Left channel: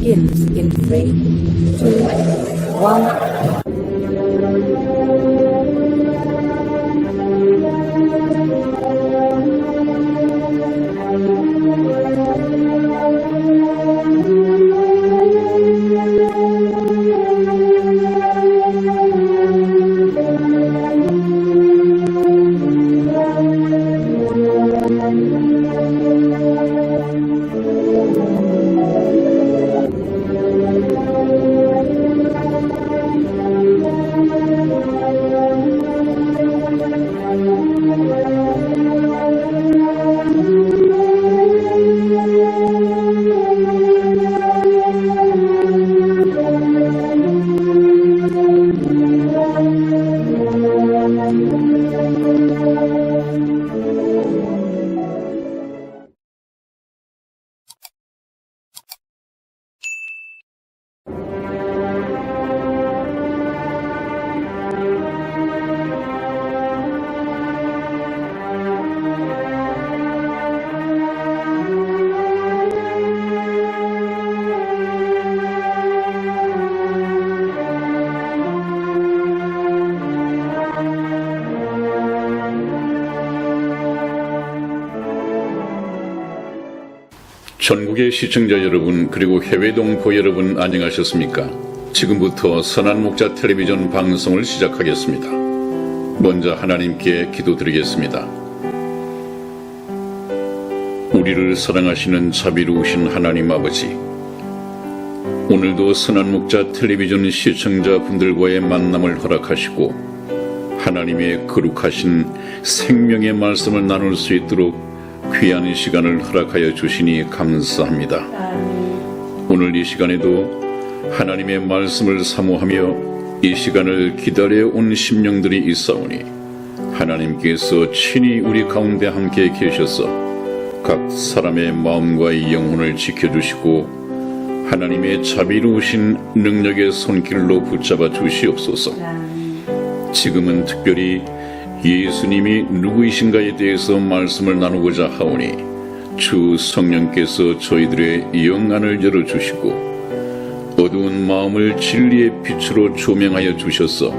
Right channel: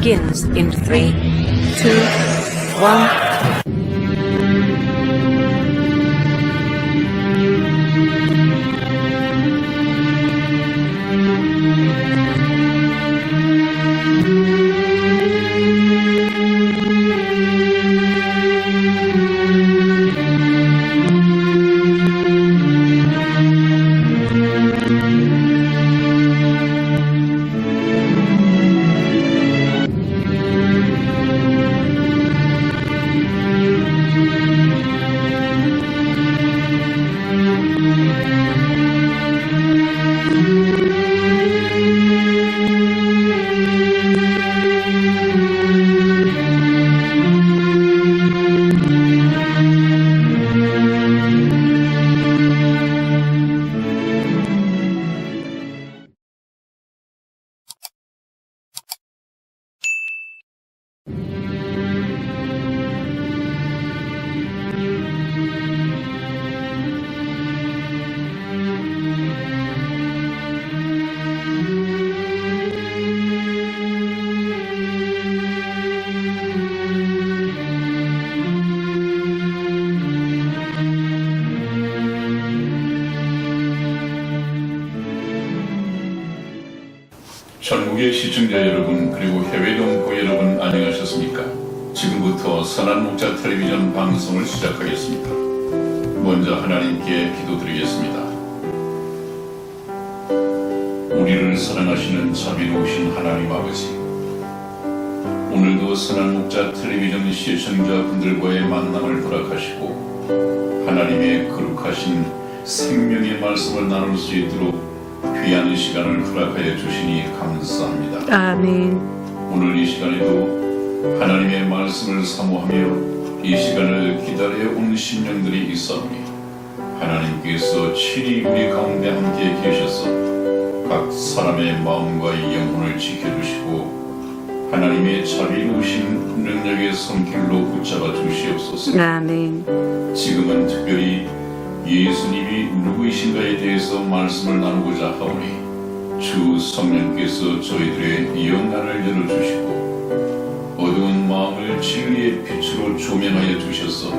begins in 3, 2, 1. 전국의 시청자 여러분, 그리고 해외 동포 여러분, 안녕하셨습니까? 지금부터 선한 목자 텔레비전 방송을 시작하겠습니다. 먼저 하나님께 기도드리겠습니다. 우리를 사랑하시는 자비로우신 하나님 아버지, 오늘도 선한 목자 텔레비전 시청자분들과의 만남을 허락하시고 하나님의 거룩하신 생명의 말씀을 나눌 수 있도록 귀한 시간을 허락하여 주시니 감사합니다. 아멘. 오늘 이 시간에도 하나님의 말씀을 사모하며 이 시간을 기다려온 심령들이 있사오니 하나님께서 친히 우리 가운데 함께 계셔서 각 사람의 마음과 영혼을 지켜주시고 하나님의 자비로우신 능력의 손길로 붙잡아 주시옵소서. 아멘. 지금은 특별히 예수님이 누구이신가에 대해서 말씀을 나누고자 하오니 주 성령께서 저희들의 영안을 열어주시고 어두운 마음을 진리의 빛으로 조명하여 주셔서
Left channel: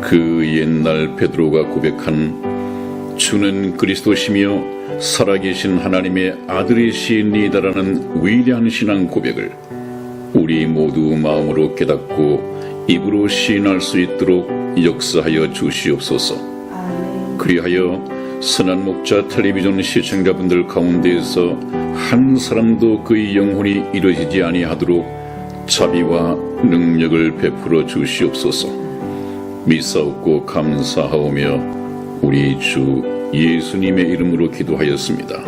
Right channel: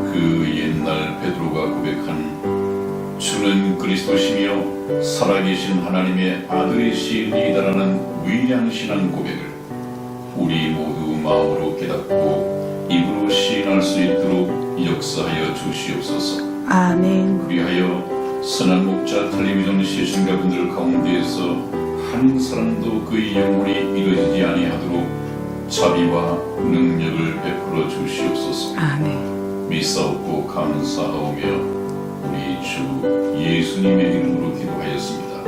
그 옛날 베드로가 고백한 주는 그리스도시며 살아계신 하나님의 아들이시니다라는 위대한 신앙 고백을 우리 모두 마음으로 깨닫고 입으로 시인할 수 있도록 역사하여 주시옵소서. 아멘. 그리하여 선한 목자 텔레비전 시청자분들 가운데에서 한 사람도 그의 영혼이 이루어지지 아니하도록 자비와 능력을 베풀어 주시옵소서. 아멘. 믿사옵고 감사하오며 우리 주 예수님의 이름으로 기도하였습니다.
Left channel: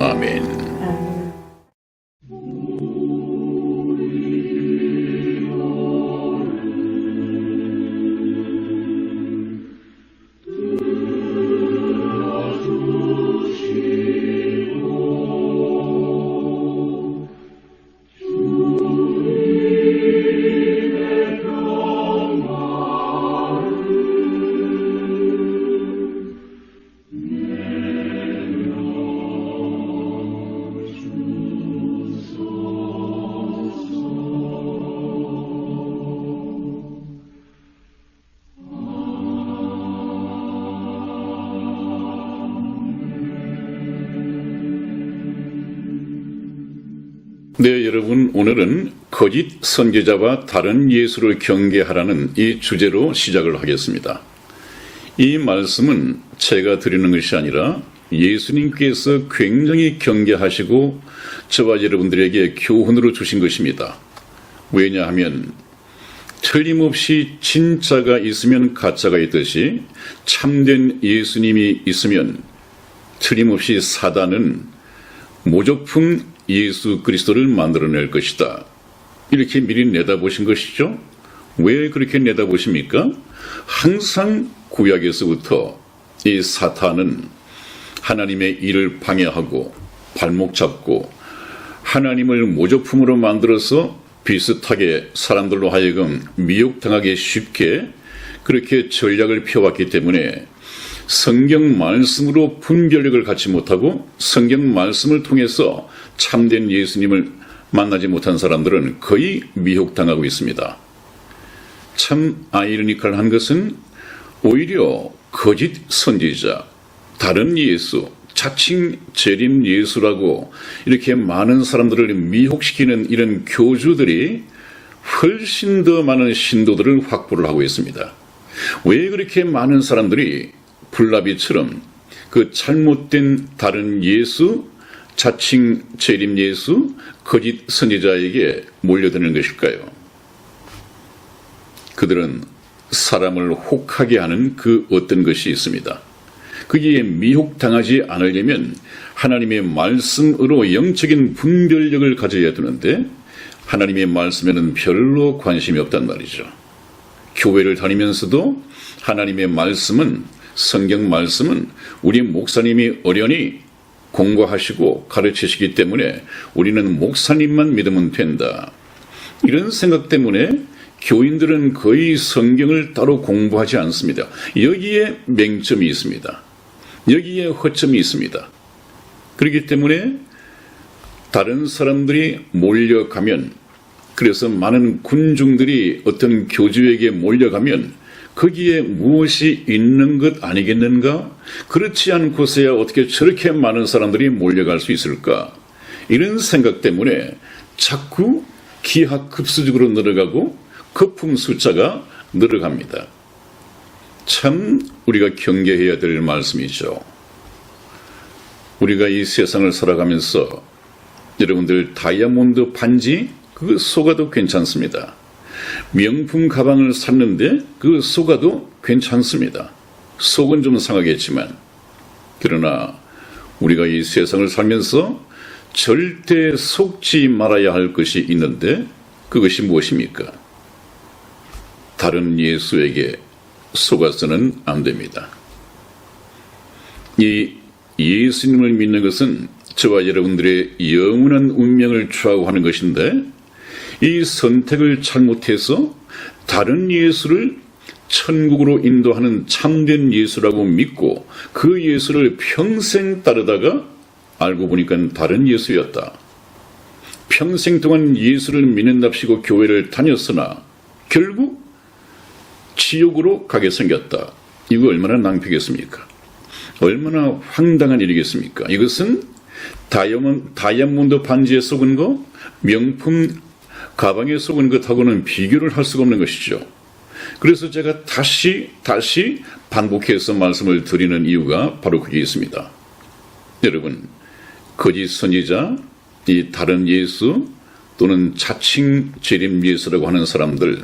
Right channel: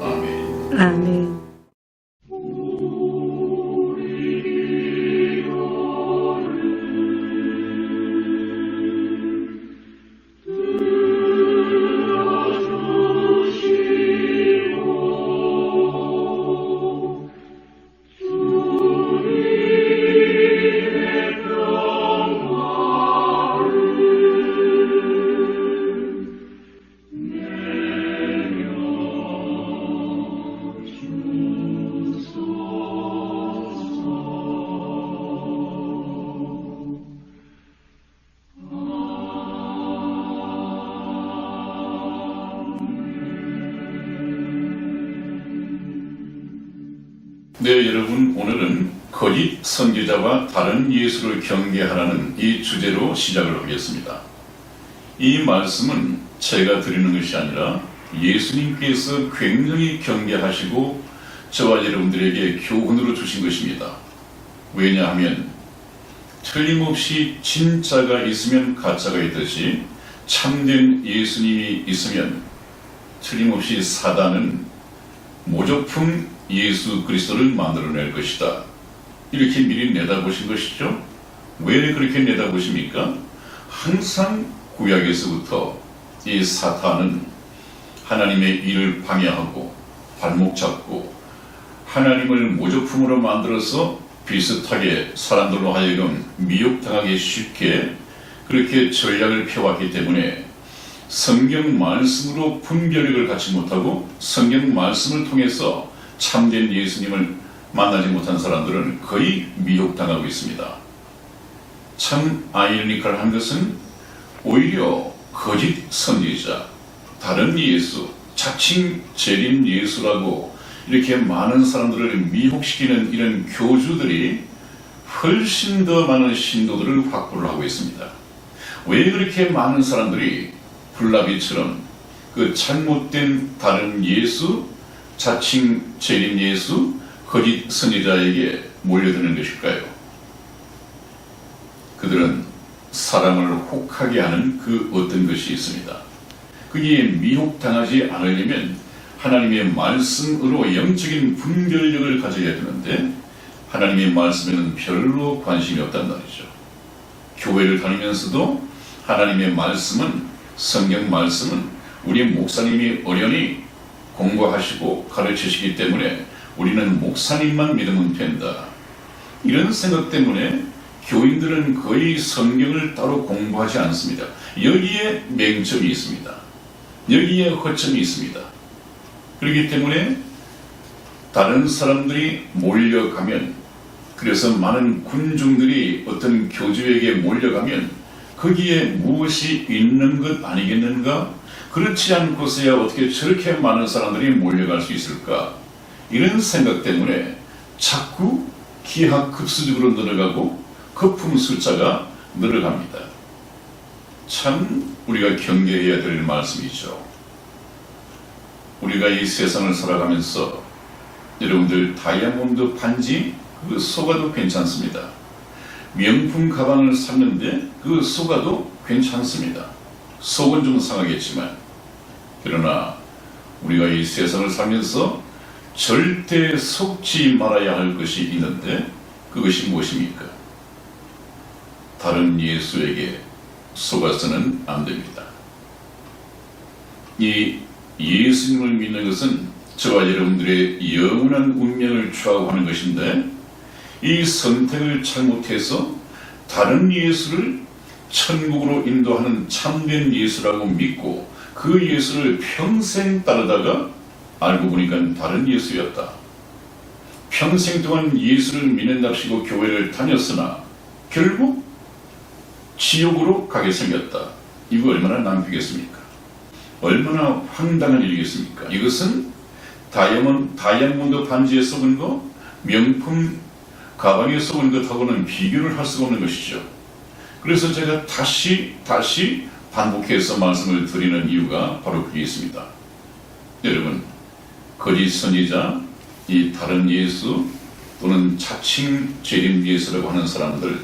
아멘. 아멘. 네, 여러분, 오늘은 거짓 선지자와 다른 예수를 경계하라는 이 주제로 시작을 하겠습니다. 이 말씀은 제가 드리는 것이 아니라 예수님께서 굉장히 경계하시고 저와 여러분들에게 교훈으로 주신 것입니다. 왜냐하면 틀림없이 진짜가 있으면 가짜가 있듯이 참된 예수님이 있으면 틀림없이 사단은 모조품 예수 그리스도를 만들어낼 것이다. 이렇게 미리 내다보신 것이죠. 왜 그렇게 내다보십니까? 항상 구약에서부터 이 사탄은 하나님의 일을 방해하고 발목 잡고 하나님을 모조품으로 만들어서 비슷하게 사람들로 하여금 미혹당하기 쉽게 그렇게 전략을 펴왔기 때문에 성경 말씀으로 분별력을 갖지 못하고 성경 말씀을 통해서 참된 예수님을 만나지 못한 사람들은 거의 미혹당하고 있습니다. 참 아이러니컬한 것은 오히려 거짓 선지자, 다른 예수, 자칭 재림 예수라고 이렇게 많은 사람들을 미혹시키는 이런 교주들이 훨씬 더 많은 신도들을 확보를 하고 있습니다. 왜 그렇게 많은 사람들이 불나비처럼 그 잘못된 다른 예수, 자칭 재림 예수, 거짓 선지자에게 몰려드는 것일까요? 그들은 사람을 혹하게 하는 그 어떤 것이 있습니다. 거기에 미혹당하지 않으려면 하나님의 말씀으로 영적인 분별력을 가져야 되는데 하나님의 말씀에는 별로 관심이 없단 말이죠. 교회를 다니면서도 하나님의 말씀은, 성경 말씀은 우리 목사님이 어련히 공부하시고 가르치시기 때문에 우리는 목사님만 믿으면 된다. 이런 생각 때문에 교인들은 거의 성경을 따로 공부하지 않습니다. 여기에 맹점이 있습니다. 여기에 허점이 있습니다. 그렇기 때문에 다른 사람들이 몰려가면, 그래서 많은 군중들이 어떤 교주에게 몰려가면 거기에 무엇이 있는 것 아니겠는가? 그렇지 않고서야 어떻게 저렇게 많은 사람들이 몰려갈 수 있을까? 이런 생각 때문에 자꾸 기하급수적으로 늘어가고 거품 숫자가 늘어갑니다. 참 우리가 경계해야 될 말씀이죠. 우리가 이 세상을 살아가면서 여러분들 다이아몬드 반지 그 속아도 괜찮습니다. 명품 가방을 샀는데 그 속아도 괜찮습니다. 속은 좀 상하겠지만, 그러나 우리가 이 세상을 살면서 절대 속지 말아야 할 것이 있는데 그것이 무엇입니까? 다른 예수에게 속아서는 안 됩니다. 이 예수님을 믿는 것은 저와 여러분들의 영원한 운명을 좌우하는 것인데, 이 선택을 잘못해서 다른 예수를 천국으로 인도하는 참된 예수라고 믿고 그 예수를 평생 따르다가 알고 보니까 다른 예수였다. 평생 동안 예수를 믿는답시고 교회를 다녔으나 결국 지옥으로 가게 생겼다. 이거 얼마나 낭패겠습니까? 얼마나 황당한 일이겠습니까? 이것은 다이아몬드 반지에 속은 거, 명품 가방에 속은 것하고는 비교를 할 수가 없는 것이죠. 그래서 제가 다시 반복해서 말씀을 드리는 이유가 바로 그게 있습니다. 여러분, 거짓 선지자, 이 다른 예수 또는 자칭 재림 예수라고 하는 사람들,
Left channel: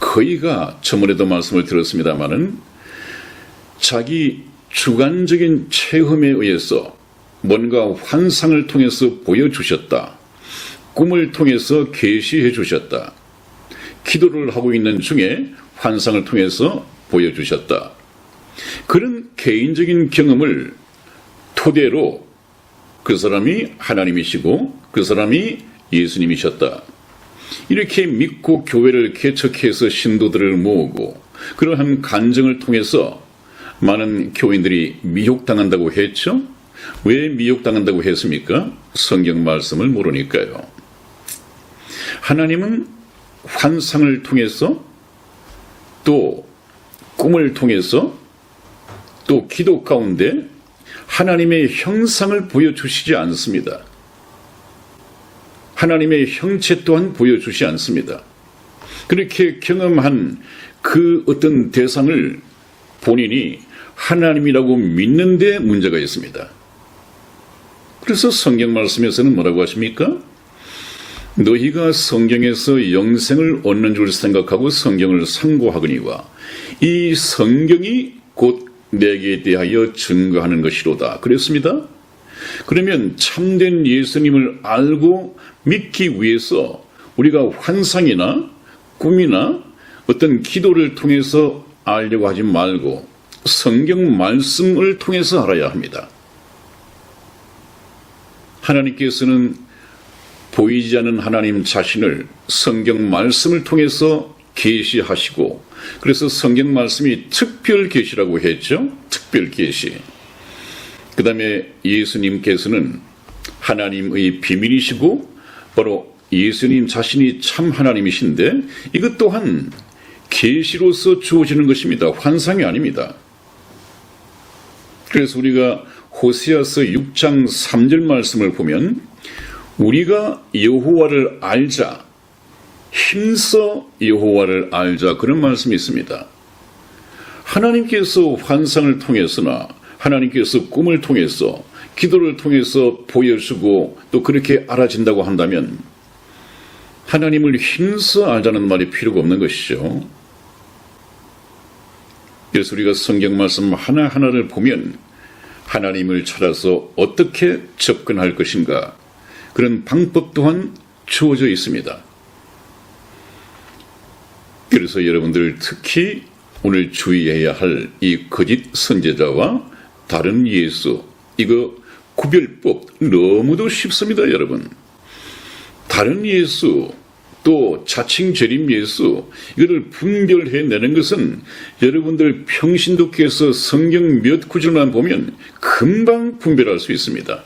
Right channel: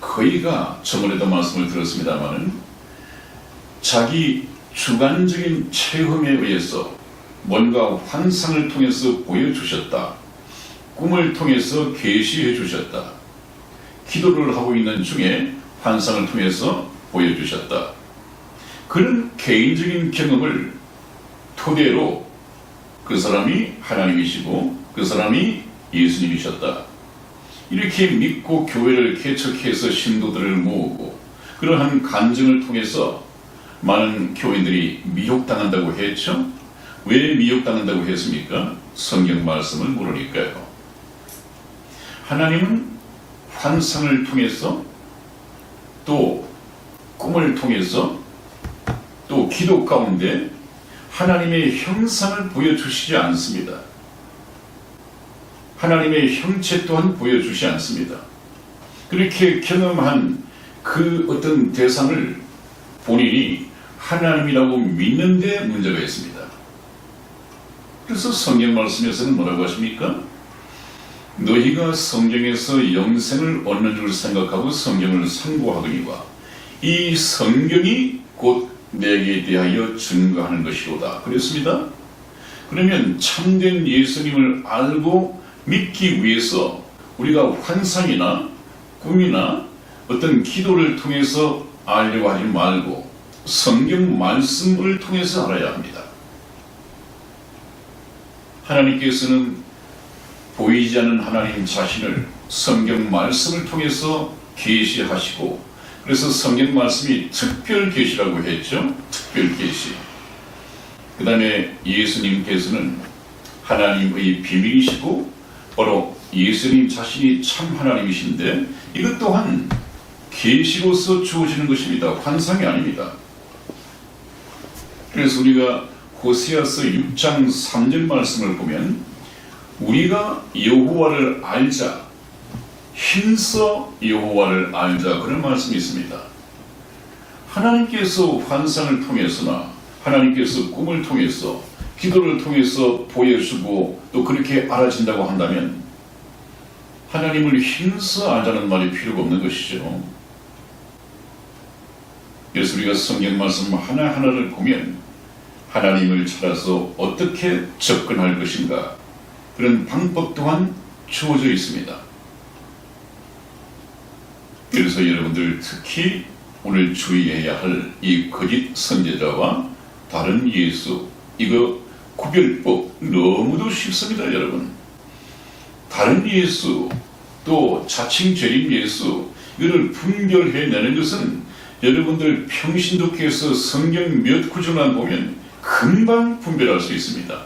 거의가 저번에도 말씀을 드렸습니다마는 자기 주관적인 체험에 의해서 뭔가 환상을 통해서 보여주셨다, 꿈을 통해서 계시해 주셨다, 기도를 하고 있는 중에 환상을 통해서 보여주셨다, 그런 개인적인 경험을 토대로 그 사람이 하나님이시고 그 사람이 예수님이셨다, 이렇게 믿고 교회를 개척해서 신도들을 모으고 그러한 간증을 통해서 많은 교인들이 미혹당한다고 했죠. 왜 미혹당한다고 했습니까? 성경 말씀을 모르니까요. 하나님은 환상을 통해서, 또 꿈을 통해서, 또 기도 가운데 하나님의 형상을 보여주시지 않습니다. 하나님의 형체 또한 보여주지 않습니다. 그렇게 경험한 그 어떤 대상을 본인이 하나님이라고 믿는데 문제가 있습니다. 그래서 성경 말씀에서는 뭐라고 하십니까? 너희가 성경에서 영생을 얻는 줄 생각하고 성경을 상고하거니와 이 성경이 곧 내게 대하여 증거하는 것이로다. 그랬습니다. 그러면 참된 예수님을 알고 믿기 위해서 우리가 환상이나 꿈이나 어떤 기도를 통해서 알려고 하지 말고 성경 말씀을 통해서 알아야 합니다. 하나님께서는 보이지 않는 하나님 자신을 성경 말씀을 통해서 계시하시고, 그래서 성경 말씀이 특별 계시라고 했죠. 특별 계시. 그 다음에 예수님께서는 하나님의 비밀이시고 바로 예수님 자신이 참 하나님이신데 이것 또한 계시로서 주어지는 것입니다. 환상이 아닙니다. 그래서 우리가 호세아서 6장 3절 말씀을 보면 우리가 여호와를 알자, 힘써 여호와를 알자, 그런 말씀이 있습니다. 하나님께서 환상을 통해서나 하나님께서 꿈을 통해서 기도를 통해서 보여주고 또 그렇게 알아진다고 한다면 하나님을 힘써 알자는 말이 필요가 없는 것이죠. 그래서 우리가 성경 말씀 하나하나를 보면 하나님을 찾아서 어떻게 접근할 것인가, 그런 방법 또한 주어져 있습니다. 그래서 여러분들 특히 오늘 주의해야 할 이 거짓 선지자와 다른 예수, 이거 구별법 너무도 쉽습니다. 여러분, 다른 예수 또 자칭 재림 예수, 이거를 분별해내는 것은 여러분들 평신도께서 성경 몇 구절만 보면 금방 분별할 수 있습니다.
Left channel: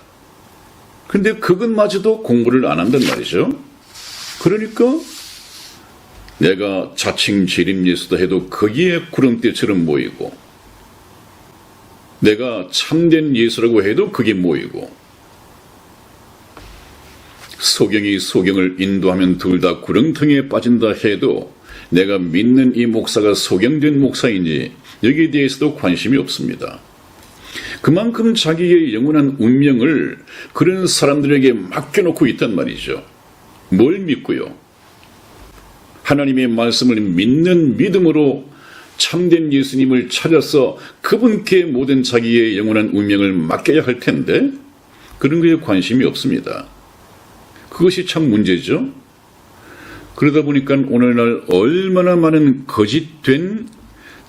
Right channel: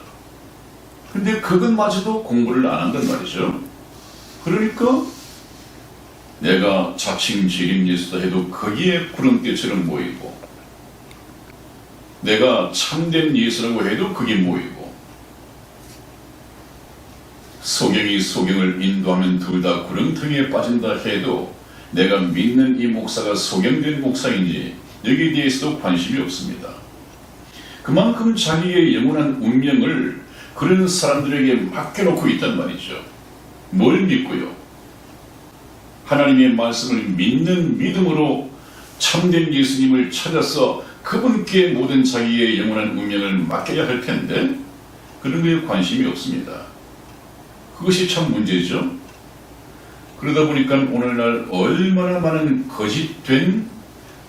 근데 그것마저도 공부를 안 한단 말이죠. 그러니까 내가 자칭 재림 예수다 해도 거기에 구름대처럼 보이고, 내가 참된 예수라고 해도 그게 모이고, 소경이 소경을 인도하면 둘 다 구렁텅이에 빠진다 해도 내가 믿는 이 목사가 소경된 목사인지 여기에 대해서도 관심이 없습니다. 그만큼 자기의 영원한 운명을 그런 사람들에게 맡겨놓고 있단 말이죠. 뭘 믿고요? 하나님의 말씀을 믿는 믿음으로 참된 예수님을 찾아서 그분께 모든 자기의 영원한 운명을 맡겨야 할 텐데 그런 거에 관심이 없습니다. 그것이 참 문제죠. 그러다 보니까 오늘날 얼마나 많은 거짓된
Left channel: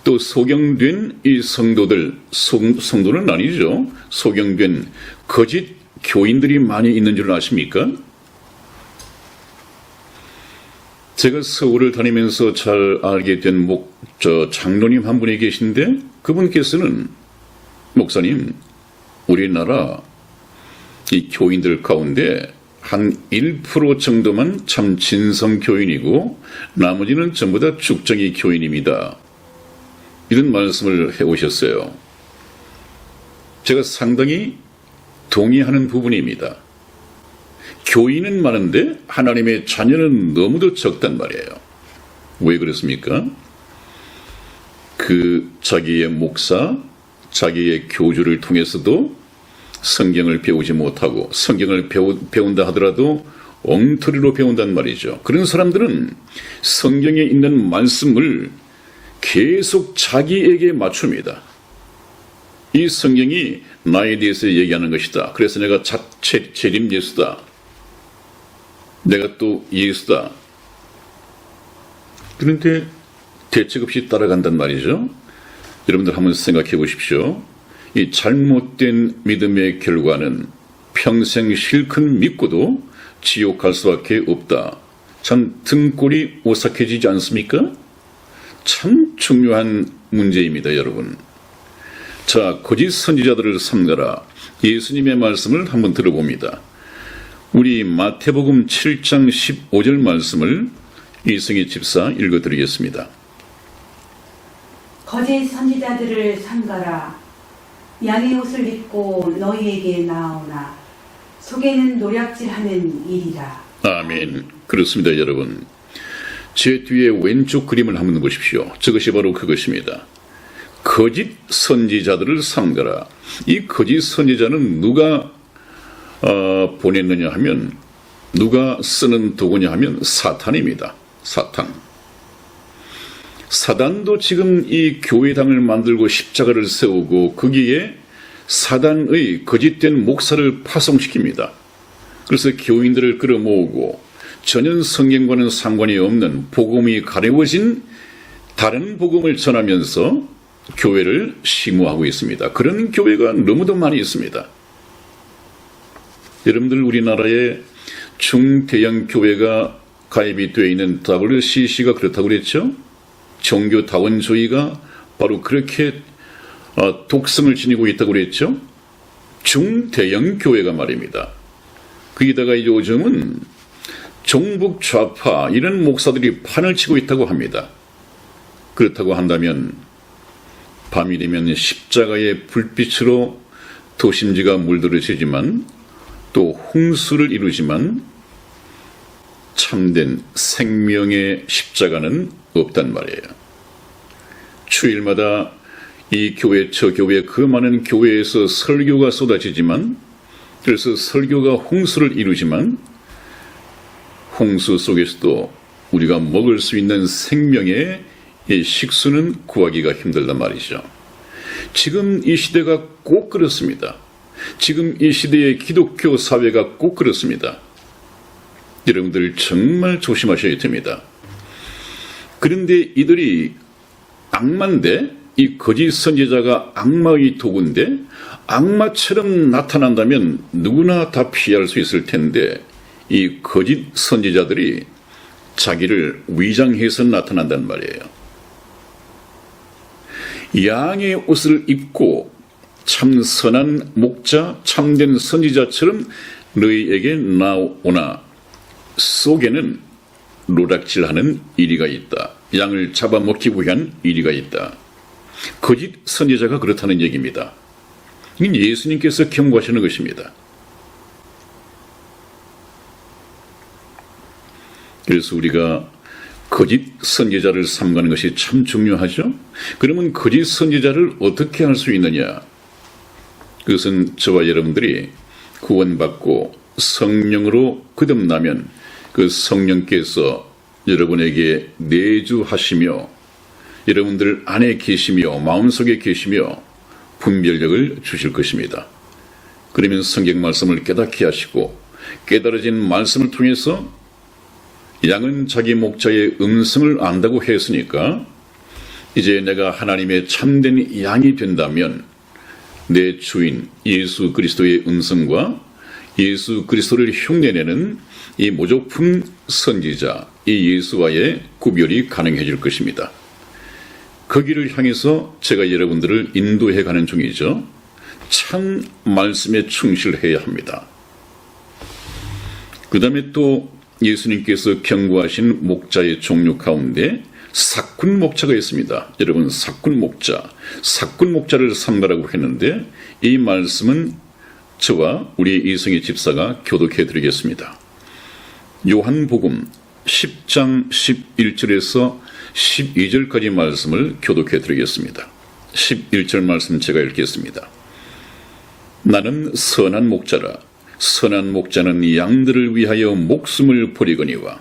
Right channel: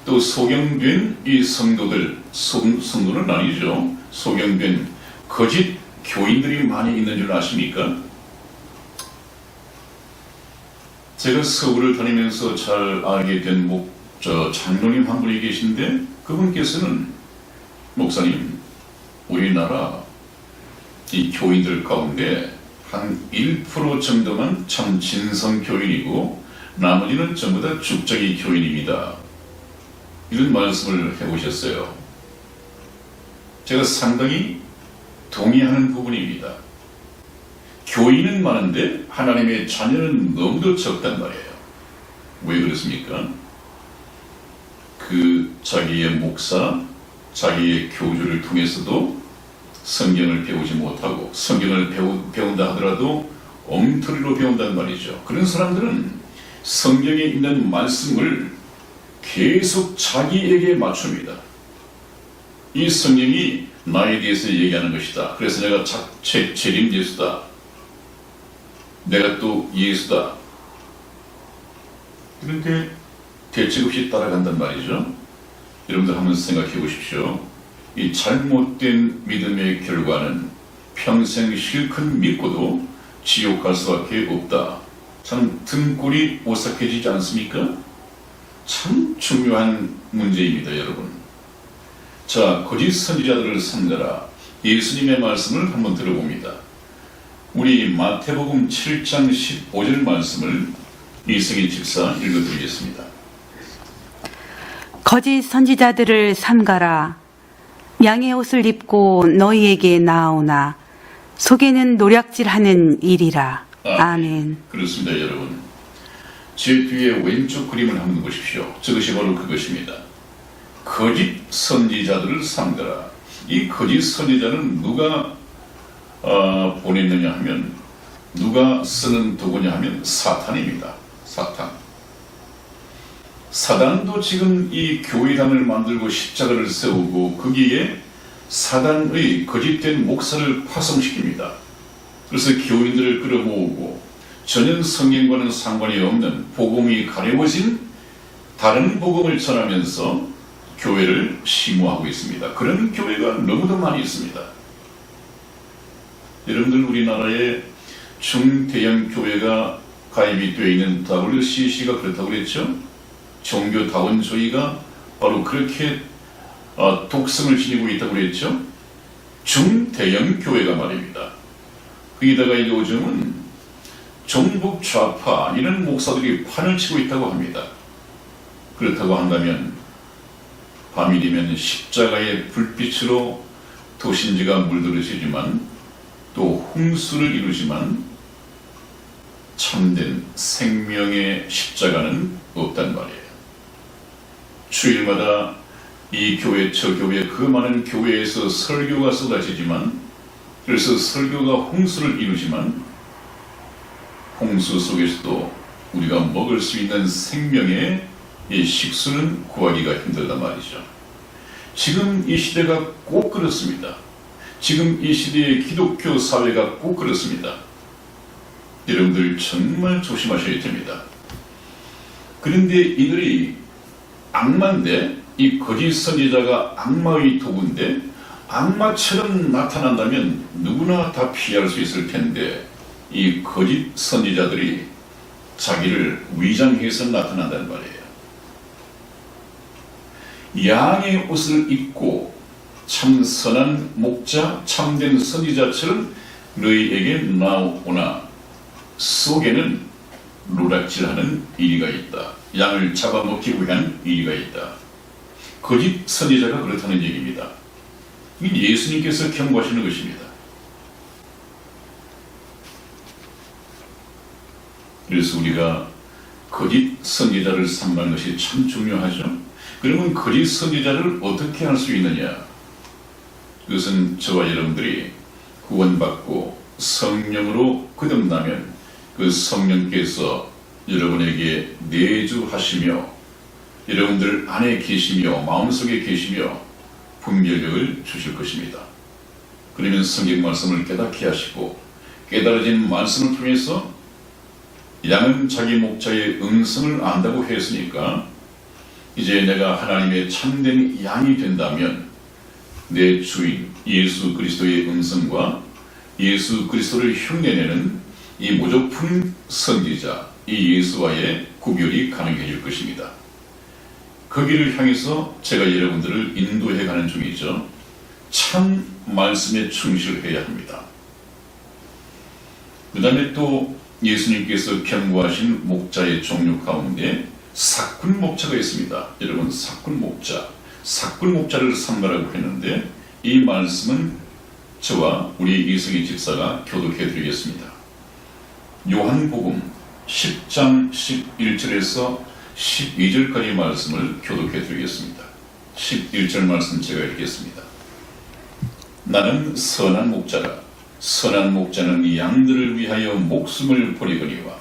또 소경된 이 성도들, 성도는 아니죠. 소경된 거짓 교인들이 많이 있는 줄 아십니까? 제가 서울을 다니면서 잘 알게 된 장로님 한 분이 계신데 그분께서는 목사님, 우리나라 이 교인들 가운데 한 1% 정도만 참 진성 교인이고 나머지는 전부 다 죽자기 교인입니다. 이런 말씀을 해오셨어요. 제가 상당히 동의하는 부분입니다. 교인은 많은데 하나님의 자녀는 너무도 적단 말이에요. 왜 그렇습니까? 그 자기의 목사, 자기의 교주를 통해서도 성경을 배우지 못하고 성경을 배운다 하더라도 엉터리로 배운단 말이죠. 그런 사람들은 성경에 있는 말씀을 계속 자기에게 맞춥니다. 이 성경이 나에 대해서 얘기하는 것이다. 그래서 내가 자체 재림 예수다. 내가 또 예수다. 그런데 대책 없이 따라간단 말이죠. 여러분들 한번 생각해 보십시오. 이 잘못된 믿음의 결과는 평생 실컷 믿고도 지옥 갈 수밖에 없다. 참 등골이 오싹해지지 않습니까? 참 중요한 문제입니다, 여러분. 자, 거짓 선지자들을 삼가라. 예수님의 말씀을 한번 들어봅니다. 우리 마태복음 7장 15절 말씀을 이승희 집사 읽어드리겠습니다. 거짓 선지자들을 삼가라. 양의 옷을 입고 너희에게 나오나 속에는 노략질하는 일이라. 아멘. 그렇습니다, 여러분. 제 뒤에 왼쪽 그림을 한번 보십시오. 저것이 바로 그것입니다. 거짓 선지자들을 삼가라. 이 거짓 선지자는 누가 보냈느냐 하면, 누가 쓰는 도구냐 하면 사탄입니다. 사탄. 사단도 지금 이 교회당을 만들고 십자가를 세우고 거기에 사단의 거짓된 목사를 파송시킵니다. 그래서 교인들을 끌어모으고 전혀 성경과는 상관이 없는 복음이 가려워진 다른 복음을 전하면서 교회를 심호하고 있습니다. 그런 교회가 너무도 많이 있습니다. 여러분들, 우리나라에 중대형 교회가 가입이 되어 있는 WCC가 그렇다고 그랬죠? 종교다원주의가 바로 그렇게 독성을 지니고 있다고 그랬죠? 중대형 교회가 말입니다. 거기다가 요즘은 종북 좌파 이런 목사들이 판을 치고 있다고 합니다. 그렇다고 한다면 밤이 되면 십자가의 불빛으로 도심지가 물들어지지만 또 홍수를 이루지만 참된 생명의 십자가는 없단 말이에요. 주일마다 이 교회 저 교회 그 많은 교회에서 설교가 쏟아지지만 그래서 설교가 홍수를 이루지만 홍수 속에서도 우리가 먹을 수 있는 생명의 이 식수는 구하기가 힘들단 말이죠. 지금 이 시대가 꼭 그렇습니다. 지금 이 시대의 기독교 사회가 꼭 그렇습니다. 여러분들 정말 조심하셔야 됩니다. 그런데 이들이 악마인데 이 거짓 선지자가 악마의 도구인데 악마처럼 나타난다면 누구나 다 피할 수 있을 텐데 이 거짓 선지자들이 자기를 위장해서 나타난단 말이에요. 양의 옷을 입고 참 선한 목자, 참된 선지자처럼 너희에게 나오나 속에는 노략질하는 이리가 있다. 양을 잡아먹기 위한 이리가 있다. 거짓 선지자가 그렇다는 얘기입니다. 이건 예수님께서 경고하시는 것입니다. 그래서 우리가 거짓 선지자를 삼가는 것이 참 중요하죠. 그러면 거짓 선지자를 어떻게 할 수 있느냐? 그것은 저와 여러분들이 구원받고 성령으로 거듭나면 그 성령께서 여러분에게 내주하시며 여러분들 안에 계시며 마음속에 계시며 분별력을 주실 것입니다. 그러면 성경 말씀을 깨닫게 하시고 깨달아진 말씀을 통해서 양은 자기 목자의 음성을 안다고 했으니까 이제 내가 하나님의 참된 양이 된다면 내 주인 예수 그리스도의 음성과 예수 그리스도를 흉내내는 이 모조품 선지자 이 예수와의 구별이 가능해질 것입니다. 거기를 향해서 제가 여러분들을 인도해 가는 중이죠. 참 말씀에 충실해야 합니다. 그 다음에 또 예수님께서 경고하신 목자의 종류 가운데 사꾼 목자가 있습니다. 여러분 사꾼 목자를 삼가라고 했는데 이 말씀은 저와 우리 이승희 집사가 교독해 드리겠습니다. 요한복음 10장 11절에서 12절까지 말씀을 교독해 드리겠습니다. 11절 말씀 제가 읽겠습니다. 나는 선한 목자라. 선한 목자는 양들을 위하여 목숨을 버리거니와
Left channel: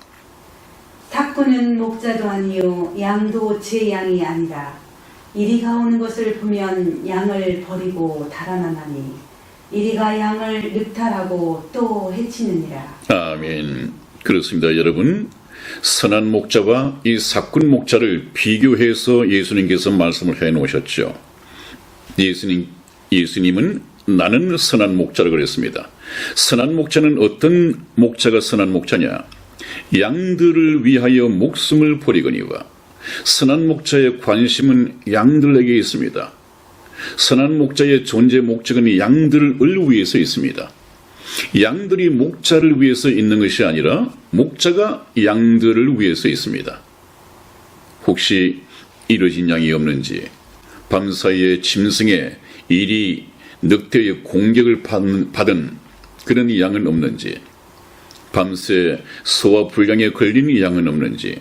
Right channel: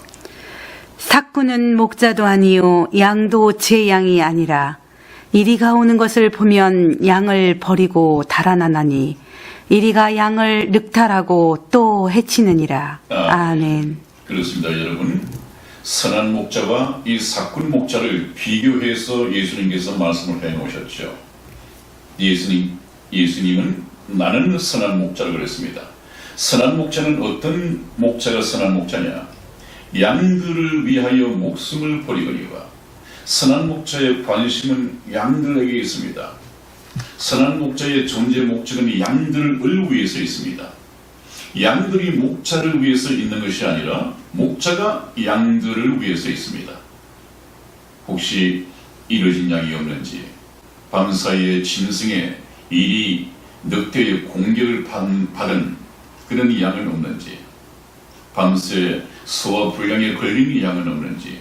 삭구는 목자도 아니요 양도 제 양이 아니라 이리가 오는 것을 보면 양을 버리고 달아나나니 이리가 양을 늑탈하고 또 해치느니라. 아멘. 그렇습니다. 여러분 선한 목자와 이 삭군 목자를 비교해서 예수님께서 말씀을 해놓으셨죠. 예수님은 나는 선한 목자라고 그랬습니다. 선한 목자는 어떤 목자가 선한 목자냐? 양들을 위하여 목숨을 버리거니와 선한 목자의 관심은 양들에게 있습니다. 선한 목자의 존재 목적은 양들을 위해서 있습니다. 양들이 목자를 위해서 있는 것이 아니라 목자가 양들을 위해서 있습니다. 혹시 이뤄진 양이 없는지, 밤사이에 짐승의 일이 늑대의 공격을 받은 그런 양은 없는지, 밤새 소화 불량에 걸린 양은 없는지,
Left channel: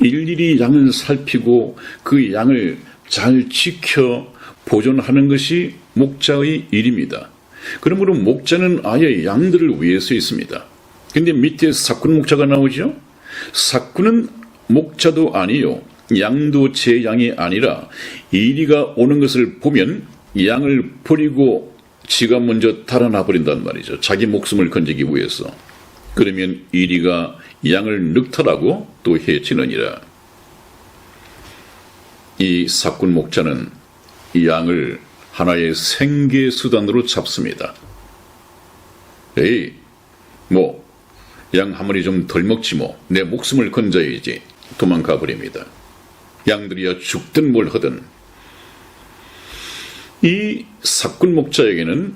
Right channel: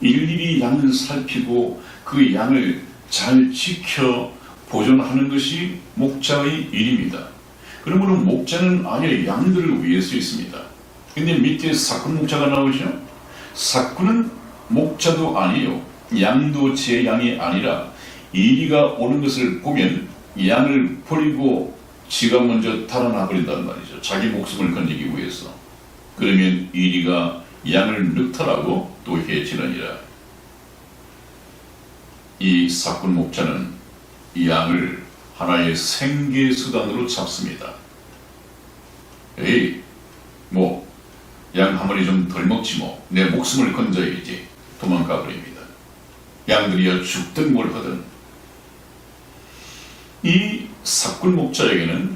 일일이 양을 살피고 그 양을 잘 지켜 보존하는 것이 목자의 일입니다. 그러므로 목자는 아예 양들을 위해서 있습니다. 근데 밑에 삭군 목자가 나오죠? 삭군은 목자도 아니요 양도 제 양이 아니라 이리가 오는 것을 보면 양을 버리고 지가 먼저 달아나 버린단 말이죠. 자기 목숨을 건지기 위해서. 그러면 이리가 양을 늑탈하고 또 해치느니라. 이 삭군 목자는 이 양을 하나의 생계 수단으로 잡습니다. 에이, 양 한 마리 좀 덜 먹지 뭐. 내 목숨을 건져야지. 도망가 버립니다. 양들이야 죽든 뭘 하든. 이 삭군 목자에게는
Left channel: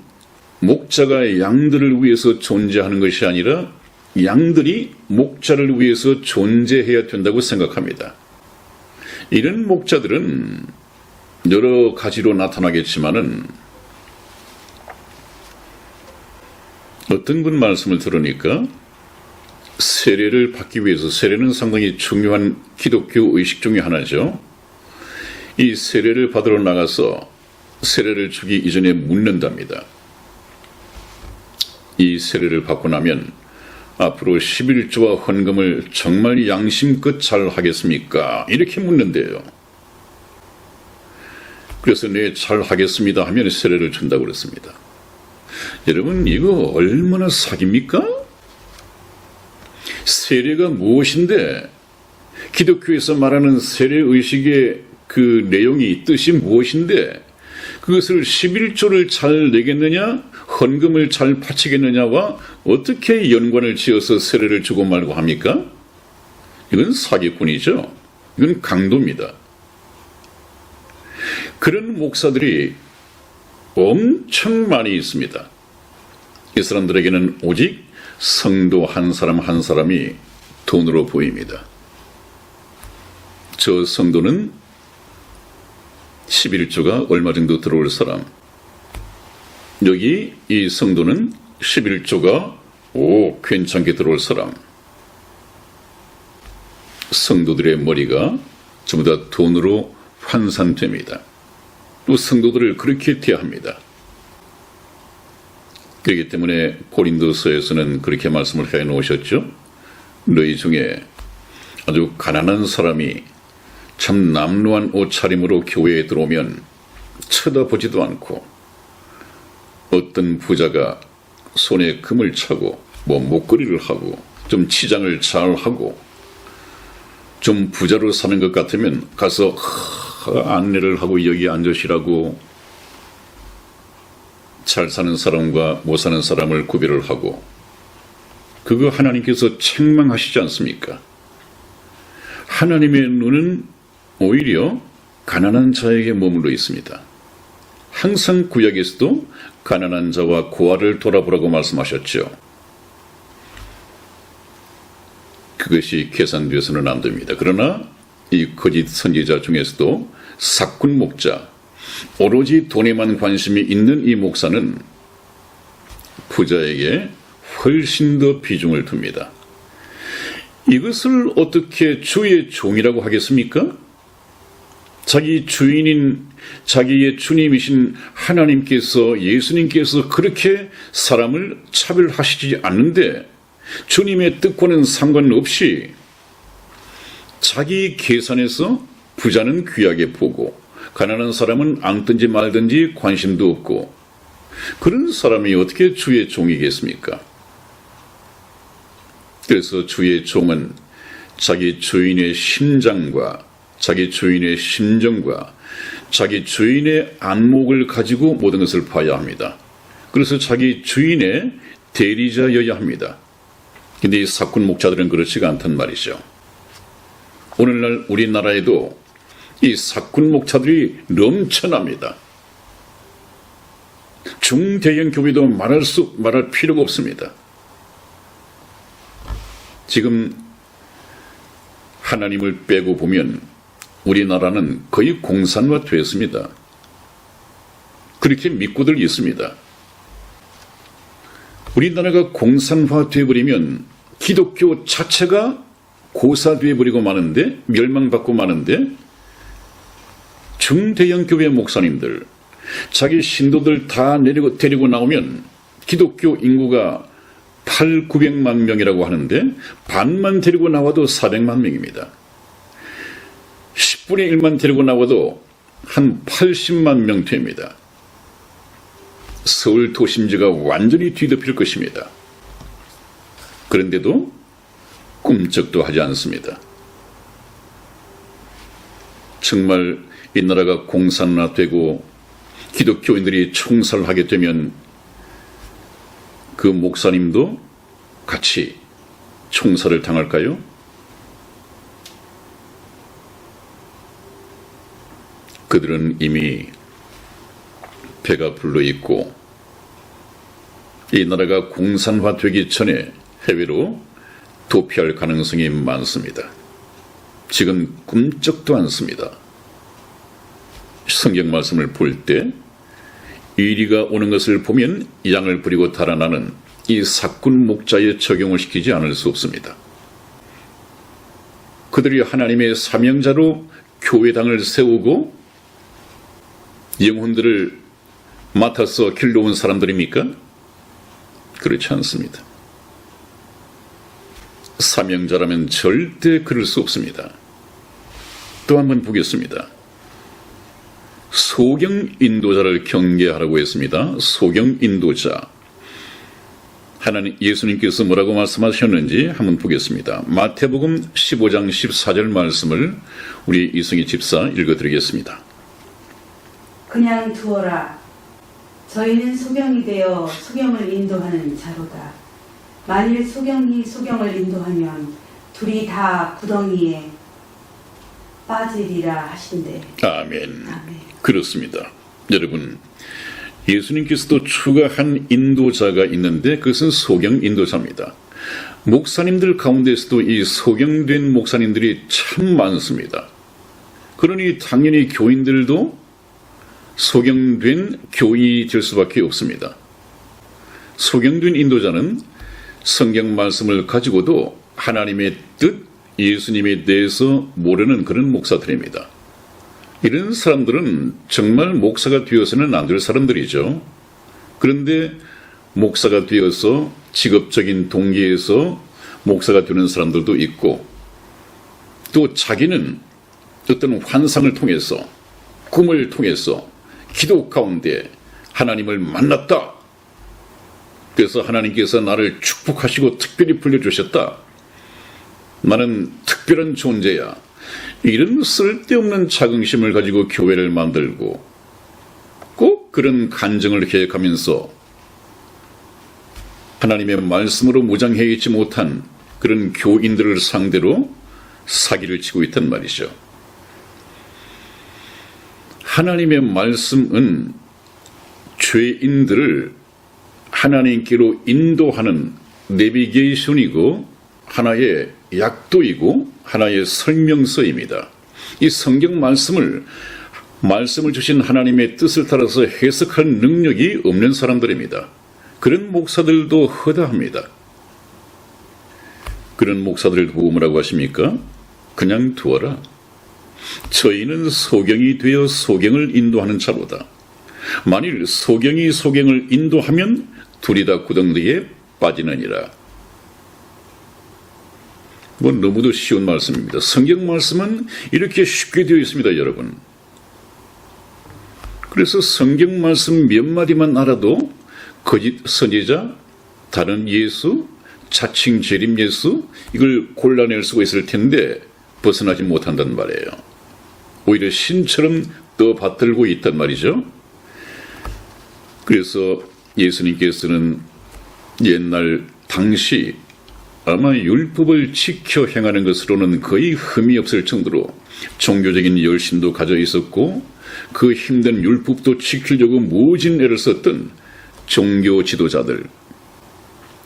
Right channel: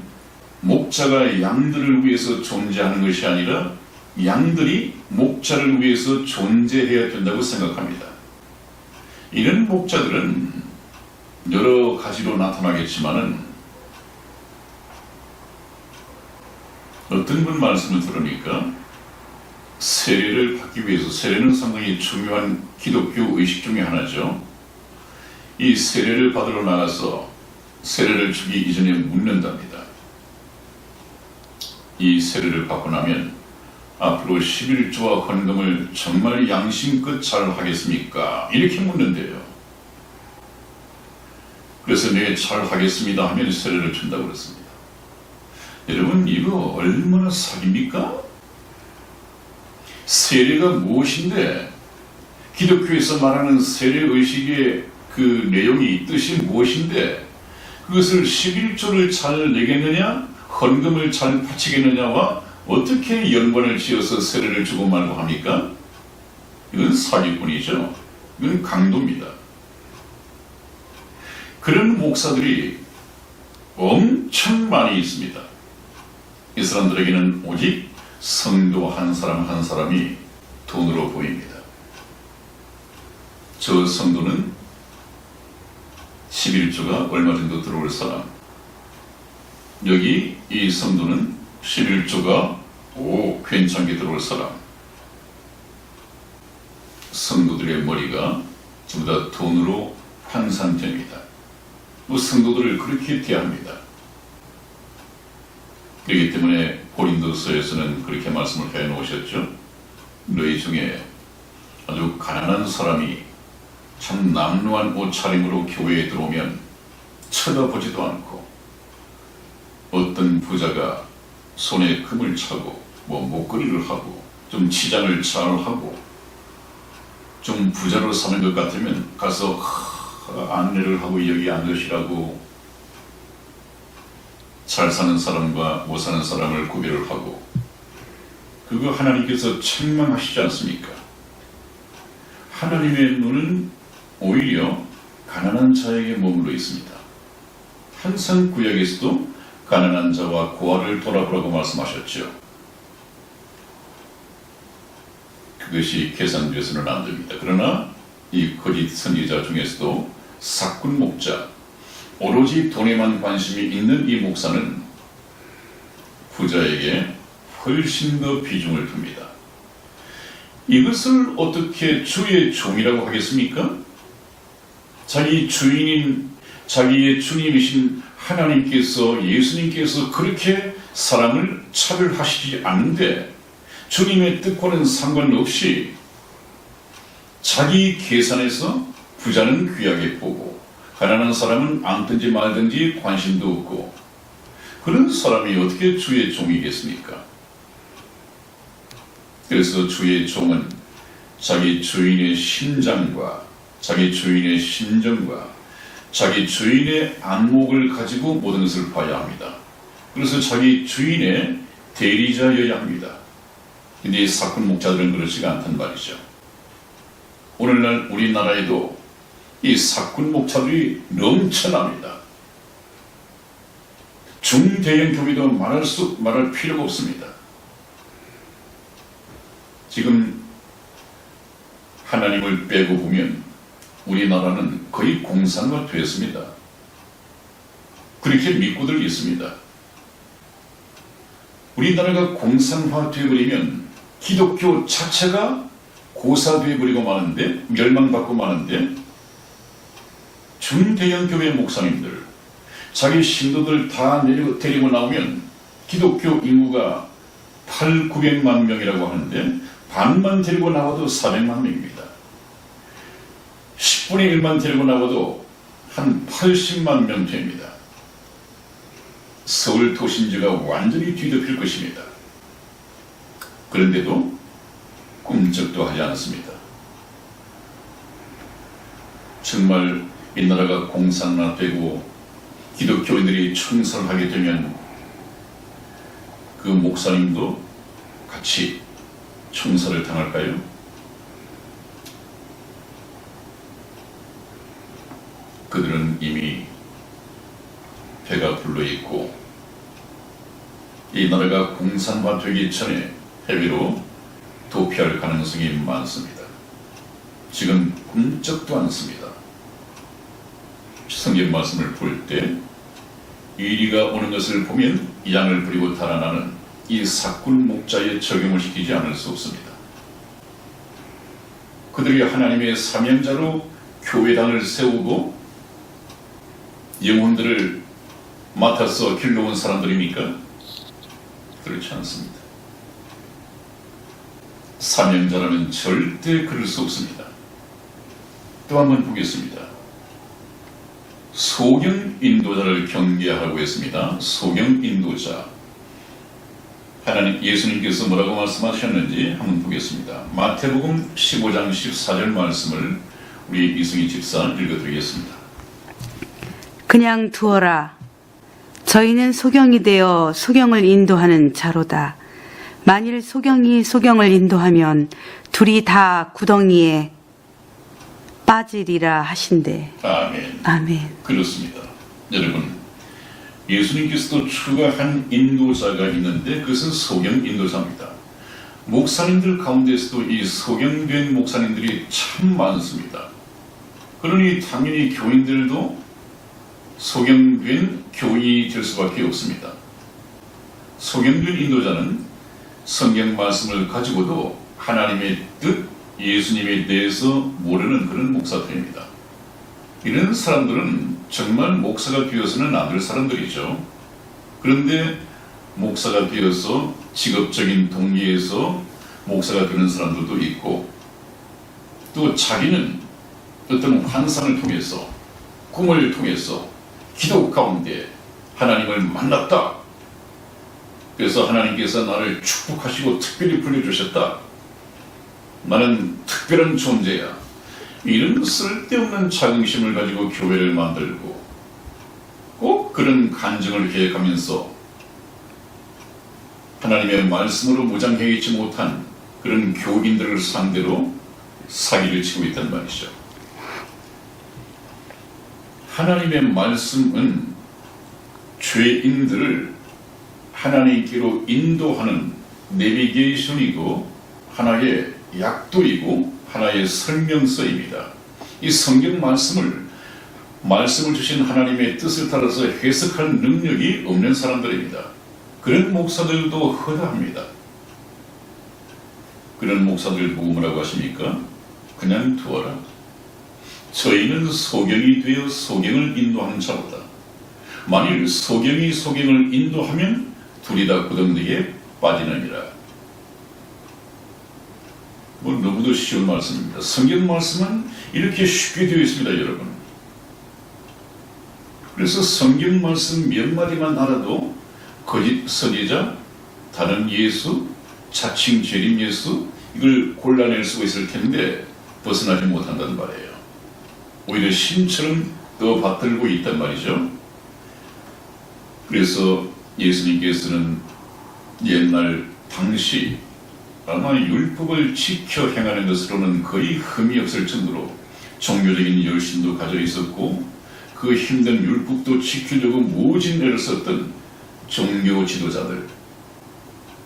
목자가 양들을 위해서 존재하는 것이 아니라 양들이 목자를 위해서 존재해야 된다고 생각합니다. 이런 목자들은 여러 가지로 나타나겠지만은 어떤 분 말씀을 들으니까 세례를 받기 위해서, 세례는 상당히 중요한 기독교 의식 중에 하나죠. 이 세례를 받으러 나가서 세례를 주기 이전에 묻는답니다. 이 세례를 받고 나면 앞으로 11조와 헌금을 정말 양심껏 잘 하겠습니까? 이렇게 묻는데요. 그래서 네, 잘 하겠습니다 하면 세례를 준다고 그랬습니다. 여러분, 이거 얼마나 사기입니까? 세례가 무엇인데, 기독교에서 말하는 세례의식의 그 내용이, 뜻이 무엇인데 그것을 11조를 잘 내겠느냐, 헌금을 잘 바치겠느냐와 어떻게 연관을 지어서 세례를 주고 말고 합니까? 이건 사기꾼이죠. 이건 강도입니다. 그런 목사들이 엄청 많이 있습니다. 이 사람들에게는 오직 성도 한 사람 한 사람이 돈으로 보입니다. 저 성도는 11조가 얼마 정도 들어올 사람, 여기 이 성도는 11조가 괜찮게 들어올 사람. 성도들의 머리가 전부 다 돈으로 환산됩니다. 또 성도들을 그렇게 대합니다. 그렇기 때문에 고린도서에서는 그렇게 말씀을 해 놓으셨죠. 너희 중에 아주 가난한 사람이 참 남루한 옷차림으로 교회에 들어오면 쳐다보지도 않고, 어떤 부자가 손에 금을 차고 목걸이를 하고 좀 치장을 잘 하고 좀 부자로 사는 것 같으면 가서 안내를 하고 여기 앉으시라고 잘 사는 사람과 못 사는 사람을 구별을 하고, 그거 하나님께서 책망하시지 않습니까? 하나님의 눈은 오히려 가난한 자에게 머물러 있습니다. 항상 구약에서도 가난한 자와 고아를 돌아보라고 말씀하셨죠. 그것이 계산돼서는 안 됩니다. 그러나 이 거짓 선지자 중에서도 사꾼 목자, 오로지 돈에만 관심이 있는 이 목사는 부자에게 훨씬 더 비중을 둡니다. 이것을 어떻게 주의 종이라고 하겠습니까? 자기 주인인 자기의 주님이신 하나님께서, 예수님께서 그렇게 사람을 차별하시지 않는데 주님의 뜻과는 상관없이 자기 계산에서 부자는 귀하게 보고 가난한 사람은 앉든지 말든지 관심도 없고, 그런 사람이 어떻게 주의 종이겠습니까? 그래서 주의 종은 자기 주인의 심장과 자기 주인의 심정과 자기 주인의 안목을 가지고 모든 것을 봐야 합니다. 그래서 자기 주인의 대리자여야 합니다. 근데 이 사꾼 목자들은 그렇지가 않단 말이죠. 오늘날 우리나라에도 이 사꾼 목자들이 넘쳐납니다. 중대형 교회도 말할 필요가 없습니다. 지금 하나님을 빼고 보면 우리나라는 거의 공산화됐습니다. 그렇게 믿고들 있습니다. 우리나라가 공산화되어버리면 기독교 자체가 고사되어버리고 마는데, 멸망받고 마는데, 중대형 교회 목사님들 자기 신도들 다 데리고 나오면 기독교 인구가 800~900만 명이라고 하는데 반만 데리고 나와도 400만 명입니다. 10분의 1만 데리고 나와도 한 80만 명 됩니다. 서울 도심지가 완전히 뒤덮일 것입니다. 그런데도 꿈쩍도 하지 않습니다. 정말 이 나라가 공산화되고 기독교인들이 총살하게 되면 그 목사님도 같이 총살을 당할까요? 그들은 이미 배가 불러 있고 이 나라가 공산화되기 전에 해외로 도피할 가능성이 많습니다. 지금 꿈쩍도 않습니다. 성경 말씀을 볼 때 이리가 오는 것을 보면 양을 버리고 달아나는 이 사꾼 목자에 적용을 시키지 않을 수 없습니다. 그들이 하나님의 사명자로 교회당을 세우고 영혼들을 맡아서 길러온 사람들입니까? 그렇지 않습니다. 사명자라면 절대 그럴 수 없습니다. 또 한번 보겠습니다. 소경 인도자를 경계하라고 했습니다. 소경 인도자. 하나님 예수님께서 뭐라고 말씀하셨는지 한번 보겠습니다. 마태복음 15장 14절 말씀을 우리 이승희 집사 읽어드리겠습니다. 그냥 두어라. 저희는 소경이 되어 소경을 인도하는 자로다. 만일 소경이 소경을 인도하면 둘이 다 구덩이에 빠지리라 하신대. 아멘. 아멘. 그렇습니다. 여러분, 예수님께서도 추가한 인도자가 있는데 그것은 소경 인도자입니다. 목사님들 가운데서도 이 소경된 목사님들이 참 많습니다. 그러니 당연히 교인들도 소경된 교인이 될 수밖에 없습니다. 소경된 인도자는 성경 말씀을 가지고도 하나님의 뜻, 예수님에 대해서 모르는 그런 목사들입니다. 이런 사람들은 정말 목사가 되어서는 안 될 사람들이죠. 그런데 목사가 되어서 직업적인 동기에서 목사가 되는 사람들도 있고, 또 자기는 어떤 환상을 통해서, 꿈을 통해서 기도 가운데 하나님을 만났다. 그래서 하나님께서 나를 축복하시고 특별히 불러주셨다. 나는 특별한 존재야. 이런 쓸데없는 자긍심을 가지고 교회를 만들고 꼭 그런 간증을 계획하면서 하나님의 말씀으로 무장해 있지 못한 그런 교인들을 상대로 사기를 치고 있단 말이죠. 하나님의 말씀은 죄인들을 하나님께로 인도하는 내비게이션이고 하나의 약도이고 하나의 설명서입니다. 이 성경 말씀을 주신 하나님의 뜻을 따라서 해석할 능력이 없는 사람들입니다. 그런 목사들도 허다합니다. 그런 목사들을 보고 뭐라고 하십니까? 그냥 두어라. 저희는 소경이 되어 소경을 인도하는 자보다 만일 소경이 소경을 인도하면 둘이 다 구덩이에 빠지느니라. 너무도 쉬운 말씀입니다. 성경 말씀은 이렇게 쉽게 되어 있습니다, 여러분. 그래서 성경 말씀 몇 마디만 알아도 거짓 선지자, 다른 예수, 자칭 재림 예수 이걸 골라낼 수가 있을 텐데 벗어나지 못한단 말이에요. 오히려 신처럼 떠받들고 있단 말이죠. 그래서 예수님께서는 옛날 당시 아마 율법을 지켜 행하는 것으로는 거의 흠이 없을 정도로 종교적인 열심도 가져 있었고 그 힘든 율법도 지키려고 모진 애를 썼던 종교 지도자들,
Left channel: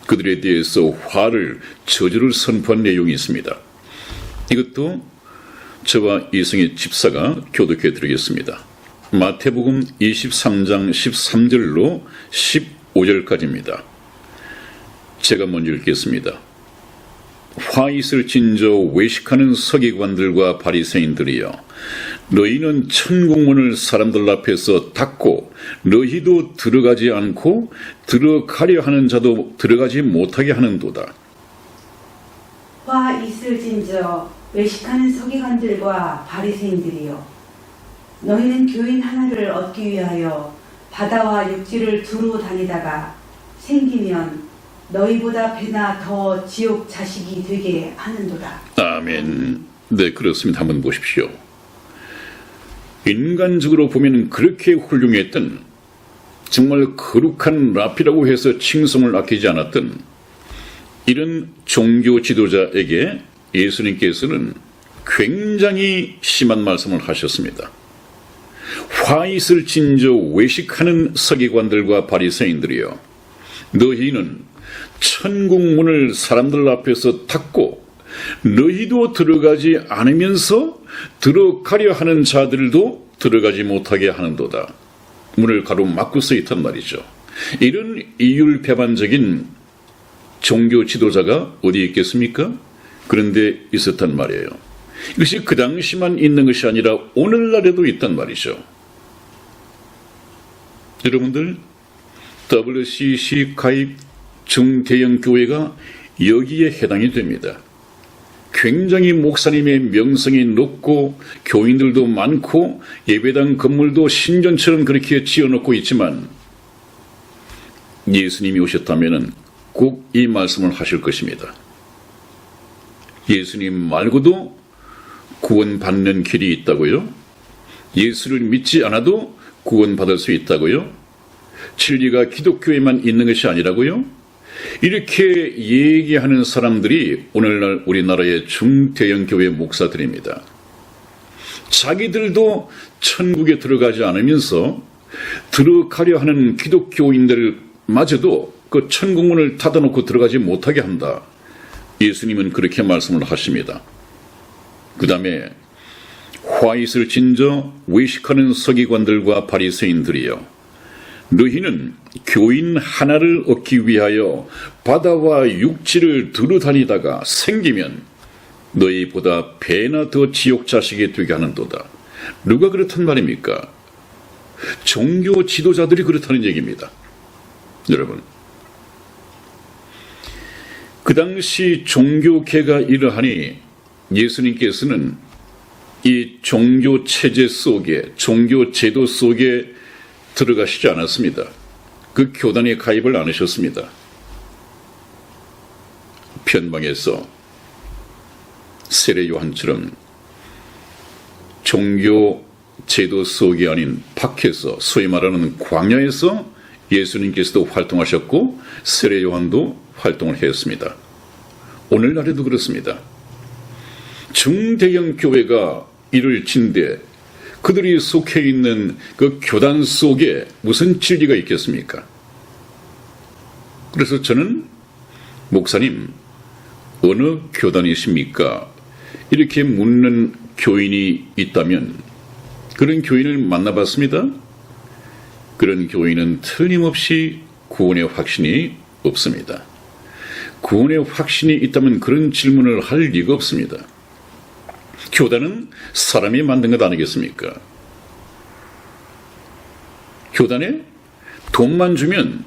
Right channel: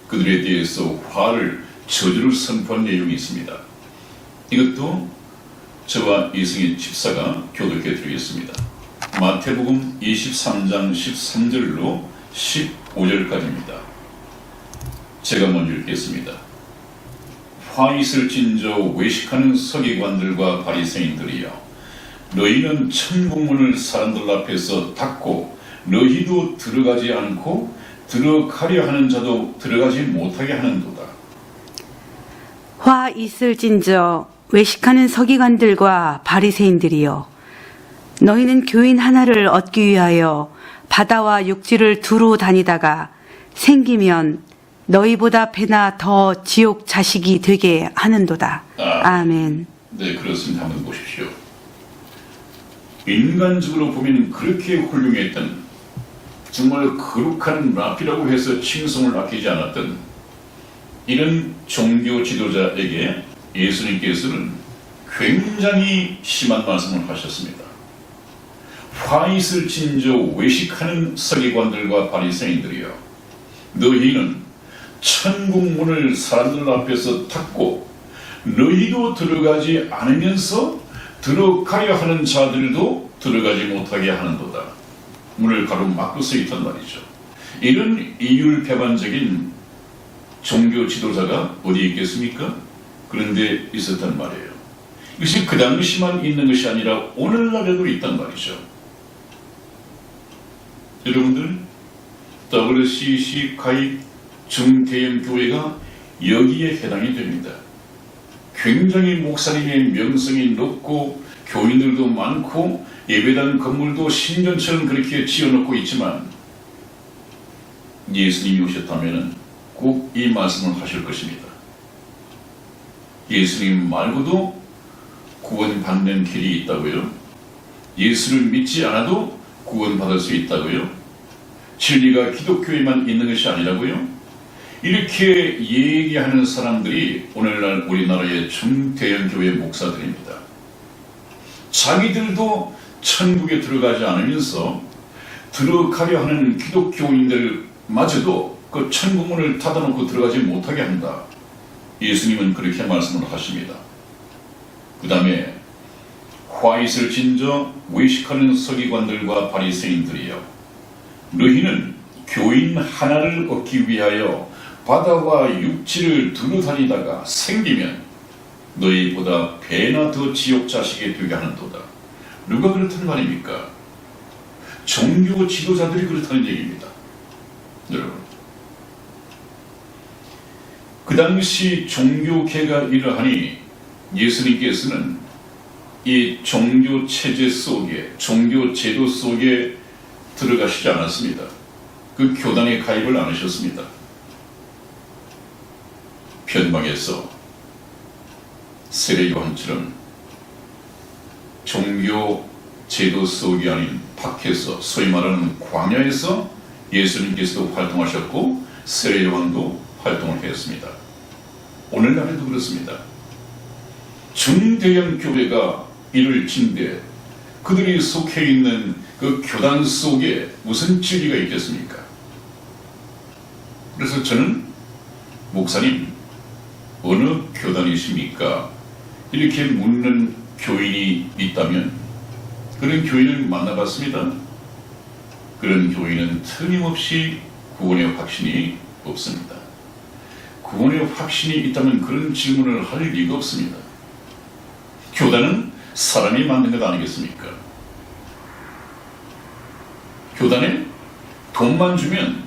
그들에 대해서 화를, 저주를 선포한 내용이 있습니다. 이것도 저와 이승희 집사가 교독해 드리겠습니다. 마태복음 23장 13절로 15절까지입니다. 제가 먼저 읽겠습니다. 화 있을 진저 외식하는 서기관들과 바리새인들이여, 너희는 천국문을 사람들 앞에서 닫고 너희도 들어가지 않고 들어가려 하는 자도 들어가지 못하게 하는도다. 화 있을진저 외식하는 서기관들과 바리새인들이여, 너희는 교인 하나를 얻기 위하여 바다와 육지를 두루 다니다가 생기면 너희보다 배나 더 지옥 자식이 되게 하는도다. 아멘. 네, 그렇습니다. 한번 보십시오. 인간적으로 보면 그렇게 훌륭했던, 정말 거룩한 라피라고 해서 칭송을 아끼지 않았던 이런 종교 지도자에게 예수님께서는 굉장히 심한 말씀을 하셨습니다. 화 있을 진저 외식하는 서기관들과 바리새인들이여, 너희는 천국 문을 사람들 앞에서 닫고 너희도 들어가지 않으면서 들어가려 하는 자들도 들어가지 못하게 하는도다. 문을 가로막고 서 있단 말이죠. 이런 이율배반적인 종교 지도자가 어디 있겠습니까? 그런데 있었단 말이에요. 이것이 그 당시만 있는 것이 아니라 오늘날에도 있단 말이죠. 여러분들, WCC 가입 중대형 교회가 여기에 해당이 됩니다. 굉장히 목사님의 명성이 높고 교인들도 많고 예배당 건물도 신전처럼 그렇게 지어놓고 있지만 예수님이 오셨다면 꼭 이 말씀을 하실 것입니다. 예수님 말고도 구원받는 길이 있다고요? 예수를 믿지 않아도 구원받을 수 있다고요? 진리가 기독교에만 있는 것이 아니라고요? 이렇게 얘기하는 사람들이 오늘날 우리나라의 중대형 교회 목사들입니다. 자기들도 천국에 들어가지 않으면서 들어가려 하는 기독교인들마저도 그 천국문을 닫아놓고 들어가지 못하게 한다. 예수님은 그렇게 말씀을 하십니다. 그 다음에 화잇을 진저 외식하는 서기관들과 바리새인들이여, 너희는 교인 하나를 얻기 위하여 바다와 육지를 두루다니다가 생기면 너희보다 배나 더 지옥 자식이 되게 하는도다. 누가 그렇단 말입니까? 종교 지도자들이 그렇다는 얘기입니다. 여러분, 그 당시 종교계가 이러하니 예수님께서는 이 종교 체제 속에, 종교 제도 속에 들어가시지 않았습니다. 그 교단에 가입을 안 하셨습니다. 변방에서 세례 요한처럼 종교 제도 속이 아닌 밖에서, 소위 말하는 광야에서 예수님께서도 활동하셨고 세례 요한도 활동을 했습니다. 오늘날에도 그렇습니다. 중대형 교회가 이를 진대 그들이 속해 있는 그 교단 속에 무슨 진리가 있겠습니까? 그래서 저는 목사님, 어느 교단이십니까? 이렇게 묻는 교인이 있다면 그런 교인을 만나봤습니다. 그런 교인은 틀림없이 구원의 확신이 없습니다. 구원의 확신이 있다면 그런 질문을 할 리가 없습니다. 교단은 사람이 만든 것 아니겠습니까? 교단에 돈만 주면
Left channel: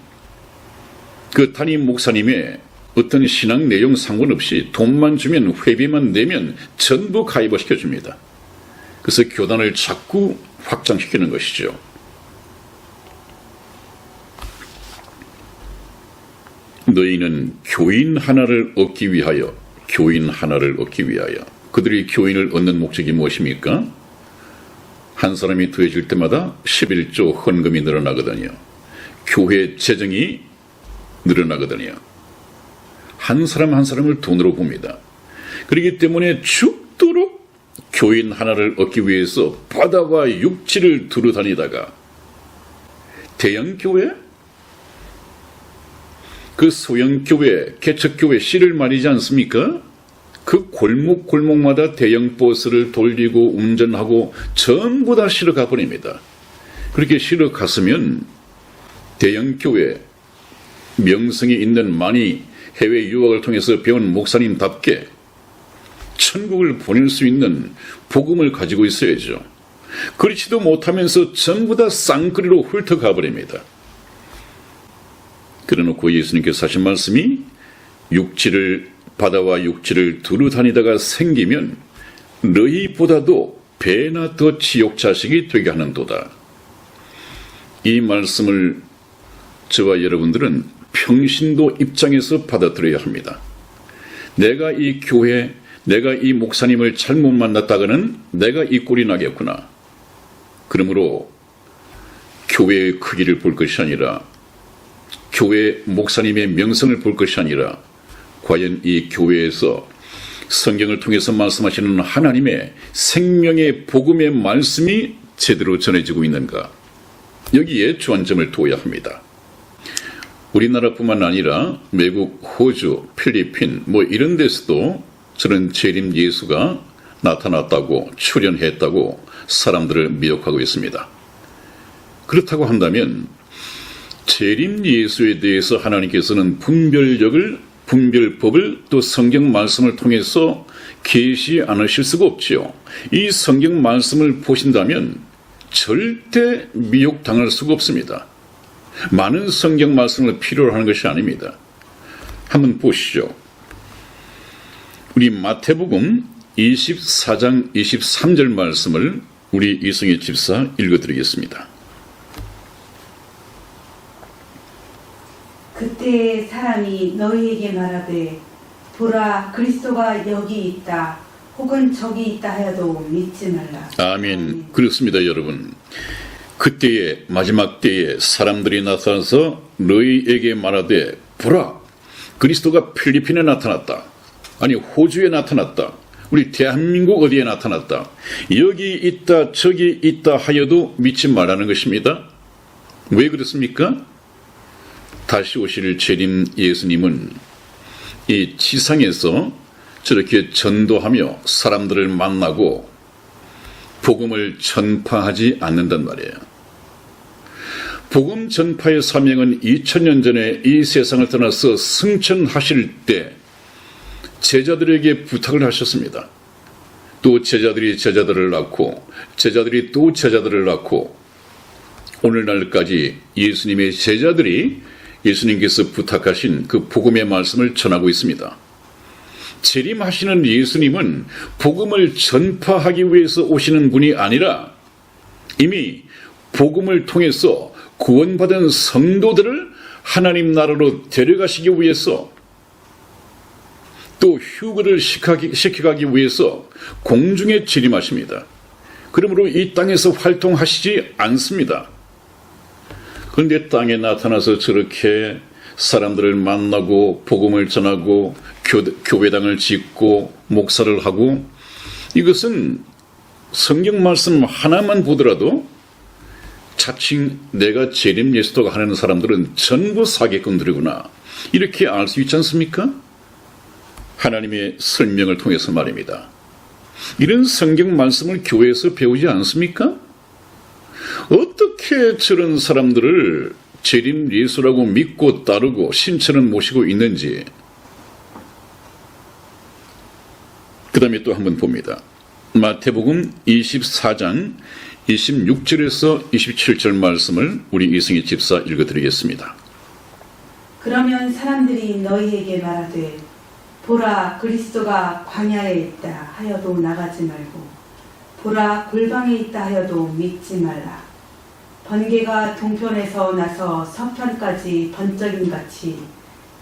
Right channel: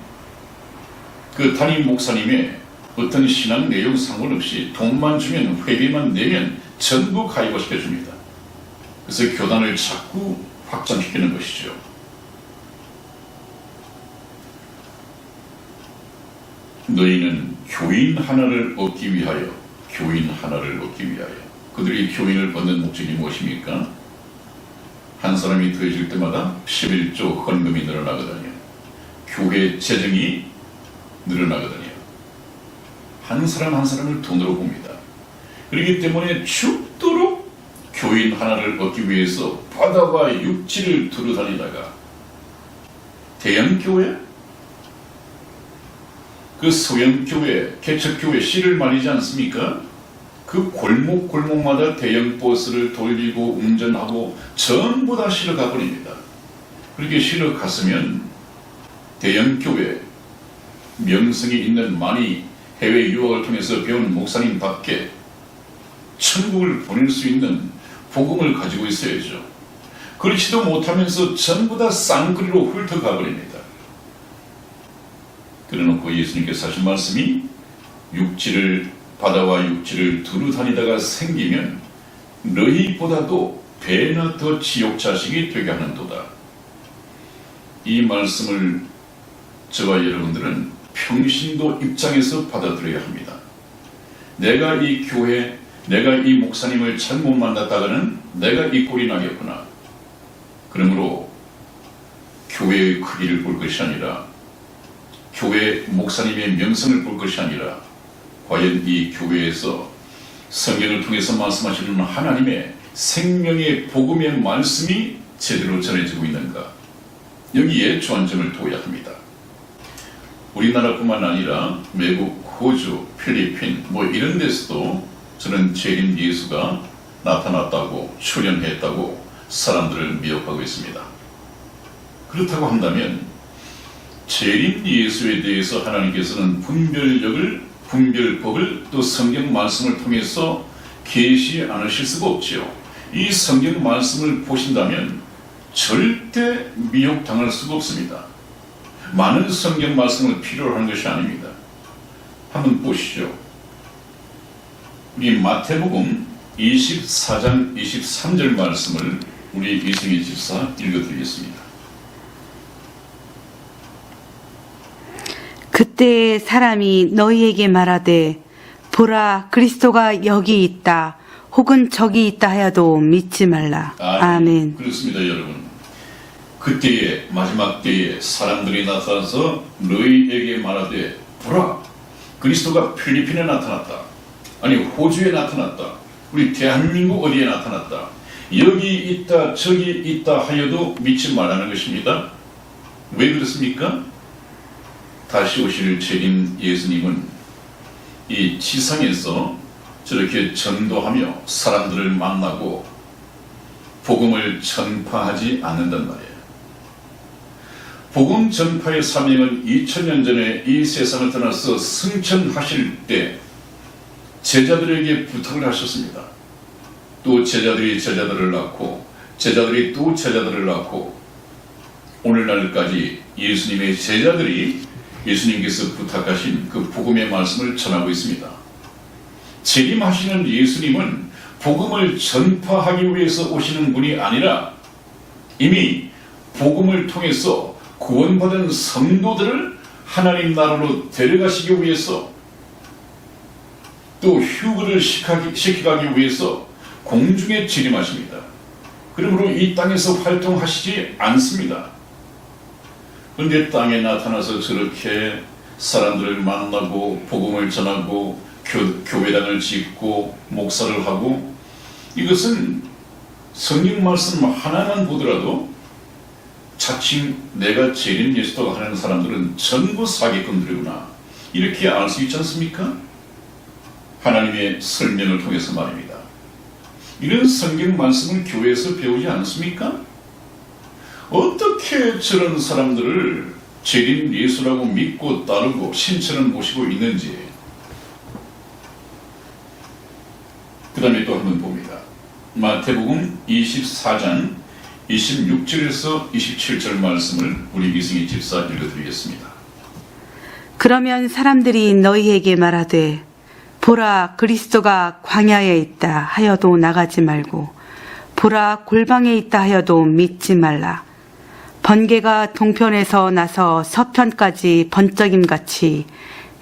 그 담임 목사님의 어떤 신앙 내용 상관없이 돈만 주면, 회비만 내면 전부 가입을 시켜줍니다. 그래서 교단을 자꾸 확장시키는 것이죠. 너희는 교인 하나를 얻기 위하여, 교인 하나를 얻기 위하여. 그들이 교인을 얻는 목적이 무엇입니까? 한 사람이 더해질 때마다 11조 헌금이 늘어나거든요. 교회 재정이 늘어나거든요. 한 사람 한 사람을 돈으로 봅니다. 그렇기 때문에 죽도록 교인 하나를 얻기 위해서 바다와 육지를 두루다니다가 대형교회, 그 소형교회, 개척교회 씨를 말이지 않습니까? 그 골목골목마다 대형 버스를 돌리고 운전하고 전부 다 실어 가버립니다. 그렇게 실어 갔으면 대형교회, 명성이 있는 많이 해외 유학을 통해서 배운 목사님답게 천국을 보낼 수 있는 복음을 가지고 있어야죠. 그렇지도 못하면서 전부 다 쌍끌이로 훑어가 버립니다. 그래놓고 예수님께서 하신 말씀이 바다와 육지를 두루 다니다가 생기면 너희보다도 배나 더 지옥 자식이 되게 하는도다. 이 말씀을 저와 여러분들은 평신도 입장에서 받아들여야 합니다. 내가 이 교회, 내가 이 목사님을 잘못 만났다가는 내가 이 꼴이 나겠구나. 그러므로 교회의 크기를 볼 것이 아니라, 교회 목사님의 명성을 볼 것이 아니라, 과연 이 교회에서 성경을 통해서 말씀하시는 하나님의 생명의 복음의 말씀이 제대로 전해지고 있는가, 여기에 주안점을 두어야 합니다. 우리나라뿐만 아니라 외국 호주, 필리핀 이런 데서도 저런 재림 예수가 나타났다고 출현했다고 사람들을 미혹하고 있습니다. 그렇다고 한다면 재림 예수에 대해서 하나님께서는 분별법을 또 성경 말씀을 통해서 계시 않으실 수가 없지요. 이 성경 말씀을 보신다면 절대 미혹당할 수가 없습니다. 많은 성경 말씀을 필요로 하는 것이 아닙니다. 한번 보시죠. 우리 마태복음 24장 23절 말씀을 우리 이승희 집사 읽어드리겠습니다. 그때에 사람이 너희에게 말하되 보라 그리스도가 여기 있다 혹은 저기 있다 하여도 믿지 말라. 아멘. 그렇습니다, 여러분. 그때에 마지막 때에 사람들이 나타나서 너희에게 말하되 보라 그리스도가 필리핀에 나타났다. 아니 호주에 나타났다. 우리 대한민국 어디에 나타났다. 여기 있다 저기 있다 하여도 믿지 말라는 것입니다. 왜 그렇습니까? 다시 오실 재림 예수님은 이 지상에서 저렇게 전도하며 사람들을 만나고 복음을 전파하지 않는단 말이에요. 복음 전파의 사명은 2000년 전에 이 세상을 떠나서 승천하실 때 제자들에게 부탁을 하셨습니다. 또 제자들이 제자들을 낳고 제자들이 또 제자들을 낳고 오늘날까지 예수님의 제자들이 예수님께서 부탁하신 그 복음의 말씀을 전하고 있습니다. 재림하시는 예수님은 복음을 전파하기 위해서 오시는 분이 아니라 이미 복음을 통해서 구원받은 성도들을 하나님 나라로 데려가시기 위해서 또 휴거를 시켜가기 위해서 공중에 재림하십니다. 그러므로 이 땅에서 활동하시지 않습니다. 그런데 땅에 나타나서 저렇게 사람들을 만나고 복음을 전하고 교회당을 짓고 목사를 하고 이것은 성경 말씀 하나만 보더라도 자칭 내가 재림 예수도가 하는 사람들은 전부 사기꾼들이구나 이렇게 알 수 있지 않습니까? 하나님의 설명을 통해서 말입니다. 이런 성경 말씀을 교회에서 배우지 않습니까? 어떻게 저런 사람들을 재림 예수라고 믿고 따르고 신천을 모시고 있는지 그 다음에 또 한번 봅니다. 마태복음 24장 26절에서 27절 말씀을 우리 이승희 집사 읽어드리겠습니다. 그러면 사람들이 너희에게 말하되 보라 그리스도가 광야에 있다 하여도 나가지 말고 보라 골방에 있다 하여도 믿지 말라. 번개가 동편에서 나서 서편까지 번쩍임같이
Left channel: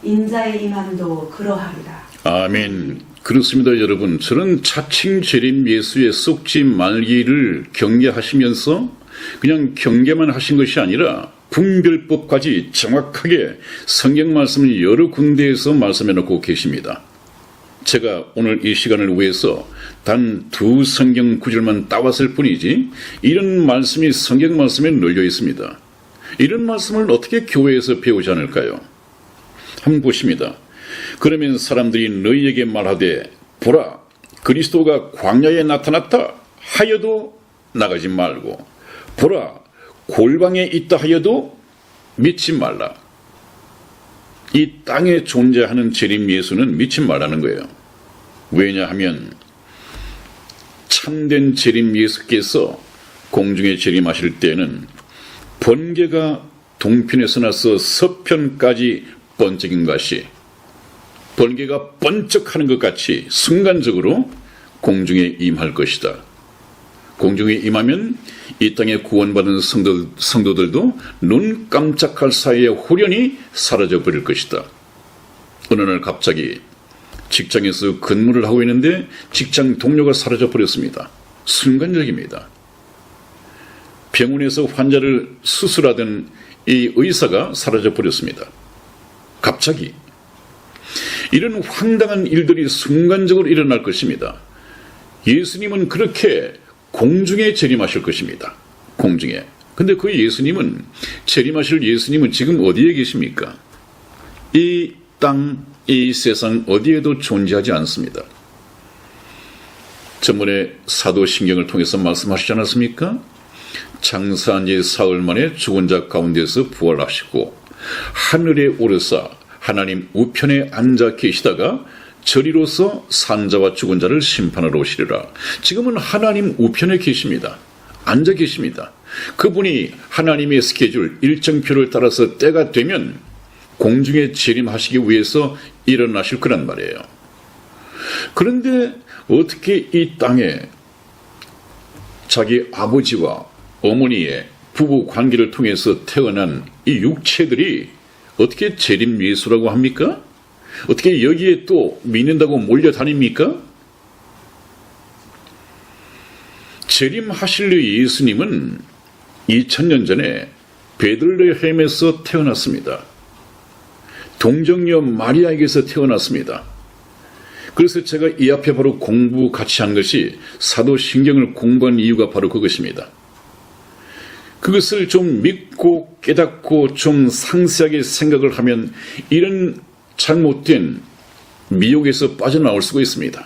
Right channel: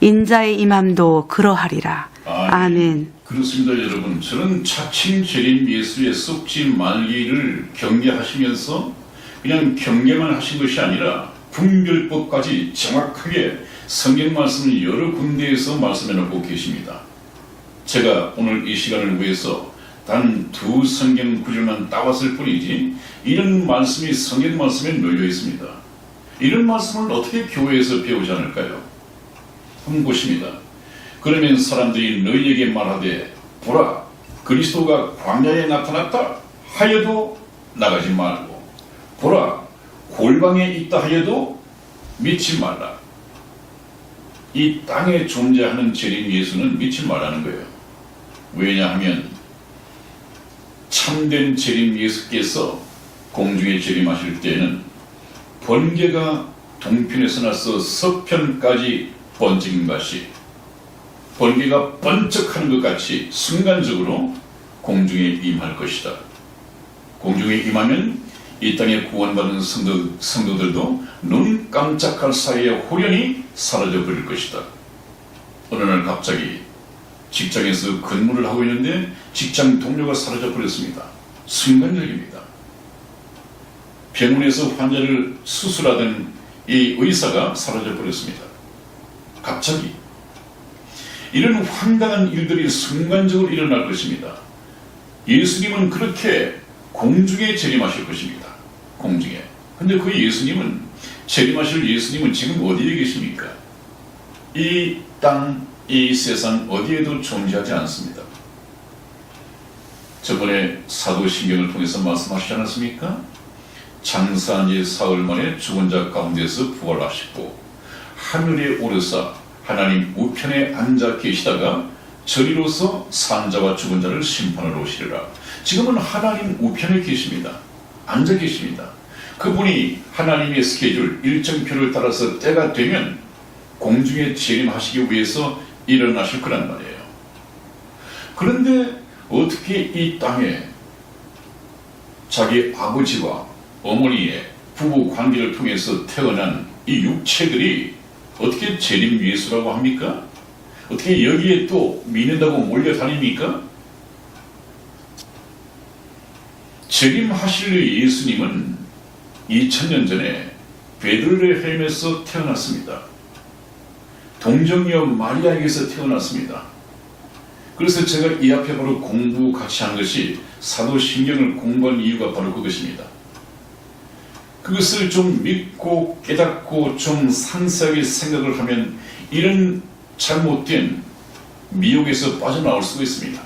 인자의 임함도 그러하리라. 아멘. 그렇습니다, 여러분. 저는 자칭 재림 예수의 썩지 말기를 경계하시면서 그냥 경계만 하신 것이 아니라 분별법까지 정확하게 성경 말씀을 여러 군데에서 말씀해 놓고 계십니다. 제가 오늘 이 시간을 위해서 단 2 성경 구절만 따왔을 뿐이지 이런 말씀이 성경 말씀에 널려 있습니다. 이런 말씀을 어떻게 교회에서 배우지 않을까요? 한번 보십니다. 그러면 사람들이 너희에게 말하되 보라 그리스도가 광야에 나타났다 하여도 나가지 말고 보라 골방에 있다 하여도 믿지 말라. 이 땅에 존재하는 재림 예수는 믿지 말라는 거예요. 왜냐하면 참된 재림 예수께서 공중에 재림하실 때는 번개가 동편에서 나서 서편까지 번쩍인 것이 번개가 번쩍하는 것 같이 순간적으로 공중에 임할 것이다. 공중에 임하면 이 땅에 구원받은 성도들도 눈 깜짝할 사이에 홀연히 사라져 버릴 것이다. 어느 날 갑자기 직장에서 근무를 하고 있는데 직장 동료가 사라져 버렸습니다. 순간적입니다. 병원에서 환자를 수술하던 이 의사가 사라져 버렸습니다. 갑자기 이런 황당한 일들이 순간적으로 일어날 것입니다. 예수님은 그렇게 공중에 재림하실 것입니다. 공중에. 근데 그 예수님은 재림하실 예수님은 지금 어디에 계십니까? 이 땅, 이 세상 어디에도 존재하지 않습니다. 저번에 사도신경을 통해서 말씀하시지 않았습니까? 장사한 지 사흘 만에 죽은 자 가운데서 부활하시고 하늘에 오르사 하나님 우편에 앉아 계시다가 저리로서 산자와 죽은 자를 심판하러 오시리라. 지금은 하나님 우편에 계십니다. 앉아 계십니다. 그분이 하나님의 스케줄, 일정표를 따라서 때가 되면 공중에 재림하시기 위해서 일어나실 거란 말이에요. 그런데 어떻게 이 땅에 자기 아버지와 어머니의 부부 관계를 통해서 태어난 이 육체들이 어떻게 재림 예수라고 합니까? 어떻게 여기에 또 믿는다고 몰려다닙니까? 재림하실 예수님은 2000년 전에 베들레헴에서 태어났습니다. 동정녀 마리아에게서 태어났습니다. 그래서 제가 이 앞에 바로 공부 같이 한 것이 사도신경을 공부한 이유가 바로 그것입니다. 그것을 좀 믿고 깨닫고 좀 상세하게 생각을 하면 이런 잘못된 미혹에서 빠져나올 수가 있습니다.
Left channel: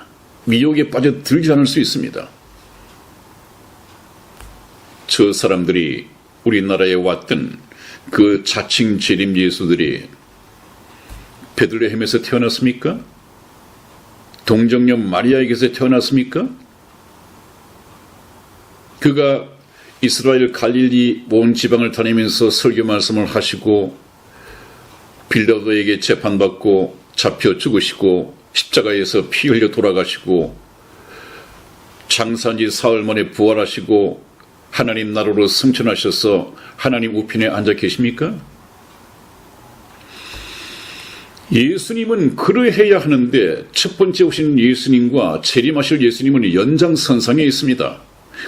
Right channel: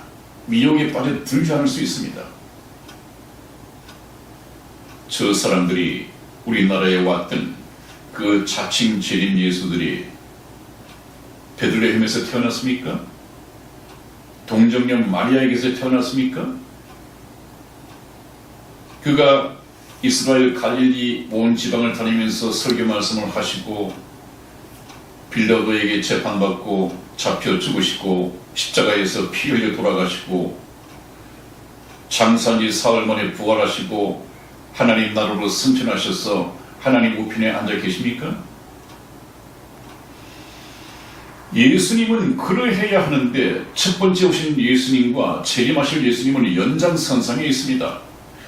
미혹에 빠져들지 않을 수 있습니다. 저 사람들이 우리나라에 왔던 그 자칭 재림 예수들이 베들레헴에서 태어났습니까? 동정녀 마리아에게서 태어났습니까? 그가 이스라엘 갈릴리 온 지방을 다니면서 설교 말씀을 하시고 빌라도에게 재판받고 잡혀 죽으시고 십자가에서 피 흘려 돌아가시고 장사한 지 사흘 만에 부활하시고 하나님 나라로 승천하셔서 하나님 우편에 앉아 계십니까? 예수님은 그러해야 하는데 첫 번째 오신 예수님과 재림하실 예수님은 연장선상에 있습니다.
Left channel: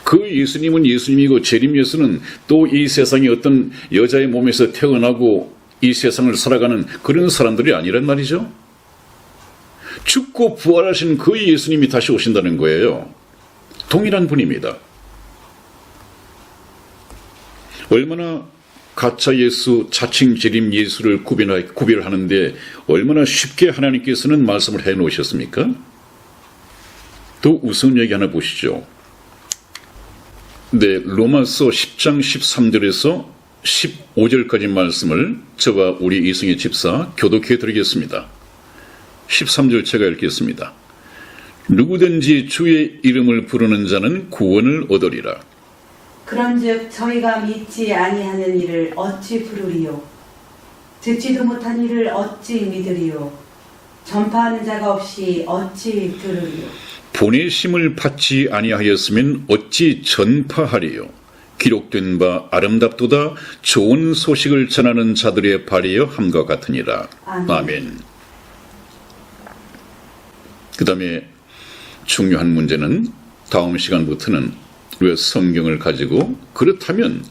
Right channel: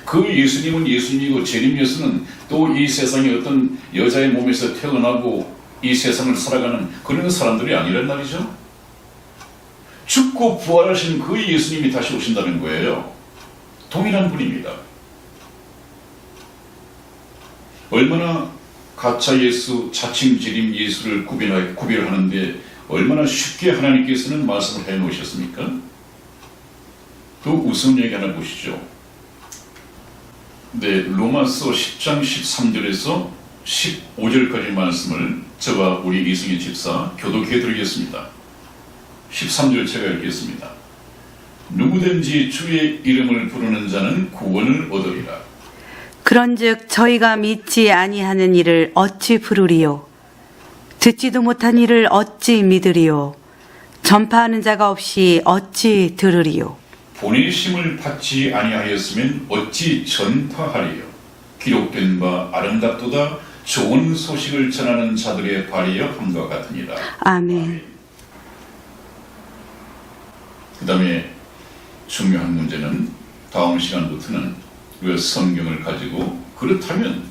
그 예수님은 예수님이고 재림 예수는 또 이 세상에 어떤 여자의 몸에서 태어나고 이 세상을 살아가는 그런 사람들이 아니란 말이죠. 죽고 부활하신 그 예수님이 다시 오신다는 거예요. 동일한 분입니다. 얼마나 가짜 예수, 자칭 재림 예수를 구별하는데 얼마나 쉽게 하나님께서는 말씀을 해놓으셨습니까? 더 우스운 얘기 하나 보시죠. 네, 로마서 10장 13절에서 15절까지 말씀을 저와 우리 이승희 집사 교독해 드리겠습니다. 13절 제가 읽겠습니다. 누구든지 주의 이름을 부르는 자는 구원을 얻으리라. 그런즉 저희가 믿지 아니하는 이를 어찌 부르리요? 듣지도 못한 이를 어찌 믿으리요? 전파하는 자가 없이 어찌 들으리요? 보내심을 받지 아니하였으면 어찌 전파하리요? 기록된 바 아름답도다 좋은 소식을 전하는 자들의 발이여 함과 같으니라. 아멘. 그 다음에 중요한 문제는 다음 시간부터는 우리가 성경을 가지고 그렇다면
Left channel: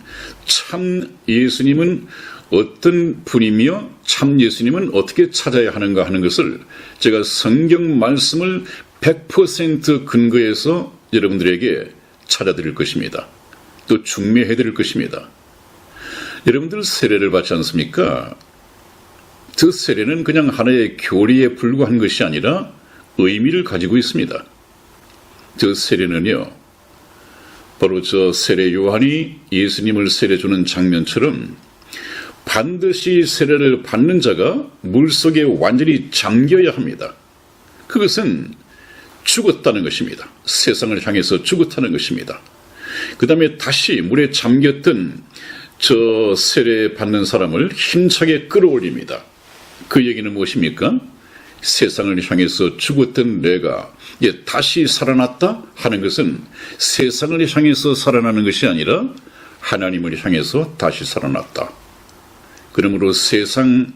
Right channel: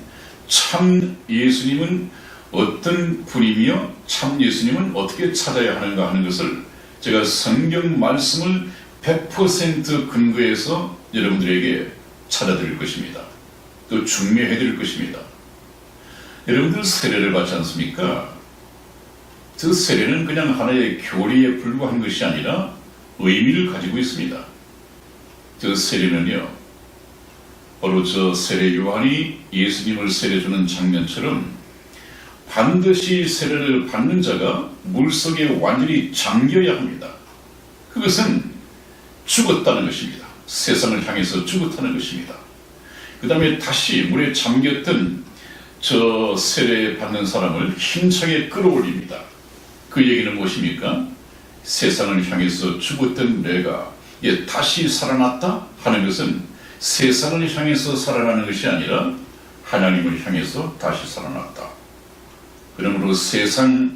참 예수님은 어떤 분이며 참 예수님은 어떻게 찾아야 하는가 하는 것을 제가 성경 말씀을 100% 근거해서 여러분들에게 찾아드릴 것입니다. 또 중매해드릴 것입니다. 여러분들 세례를 받지 않습니까? 그 세례는 그냥 하나의 교리에 불과한 것이 아니라 의미를 가지고 있습니다. 그 세례는요, 바로 저 세례 요한이 예수님을 세례 주는 장면처럼 반드시 세례를 받는 자가 물속에 완전히 잠겨야 합니다. 그것은 죽었다는 것입니다. 세상을 향해서 죽었다는 것입니다. 그 다음에 다시 물에 잠겼던 저 세례 받는 사람을 힘차게 끌어올립니다. 그 얘기는 무엇입니까? 세상을 향해서 죽었던 내가 다시 살아났다 하는 것은 세상을 향해서 살아나는 것이 아니라 하나님을 향해서 다시 살아났다. 그러므로 세상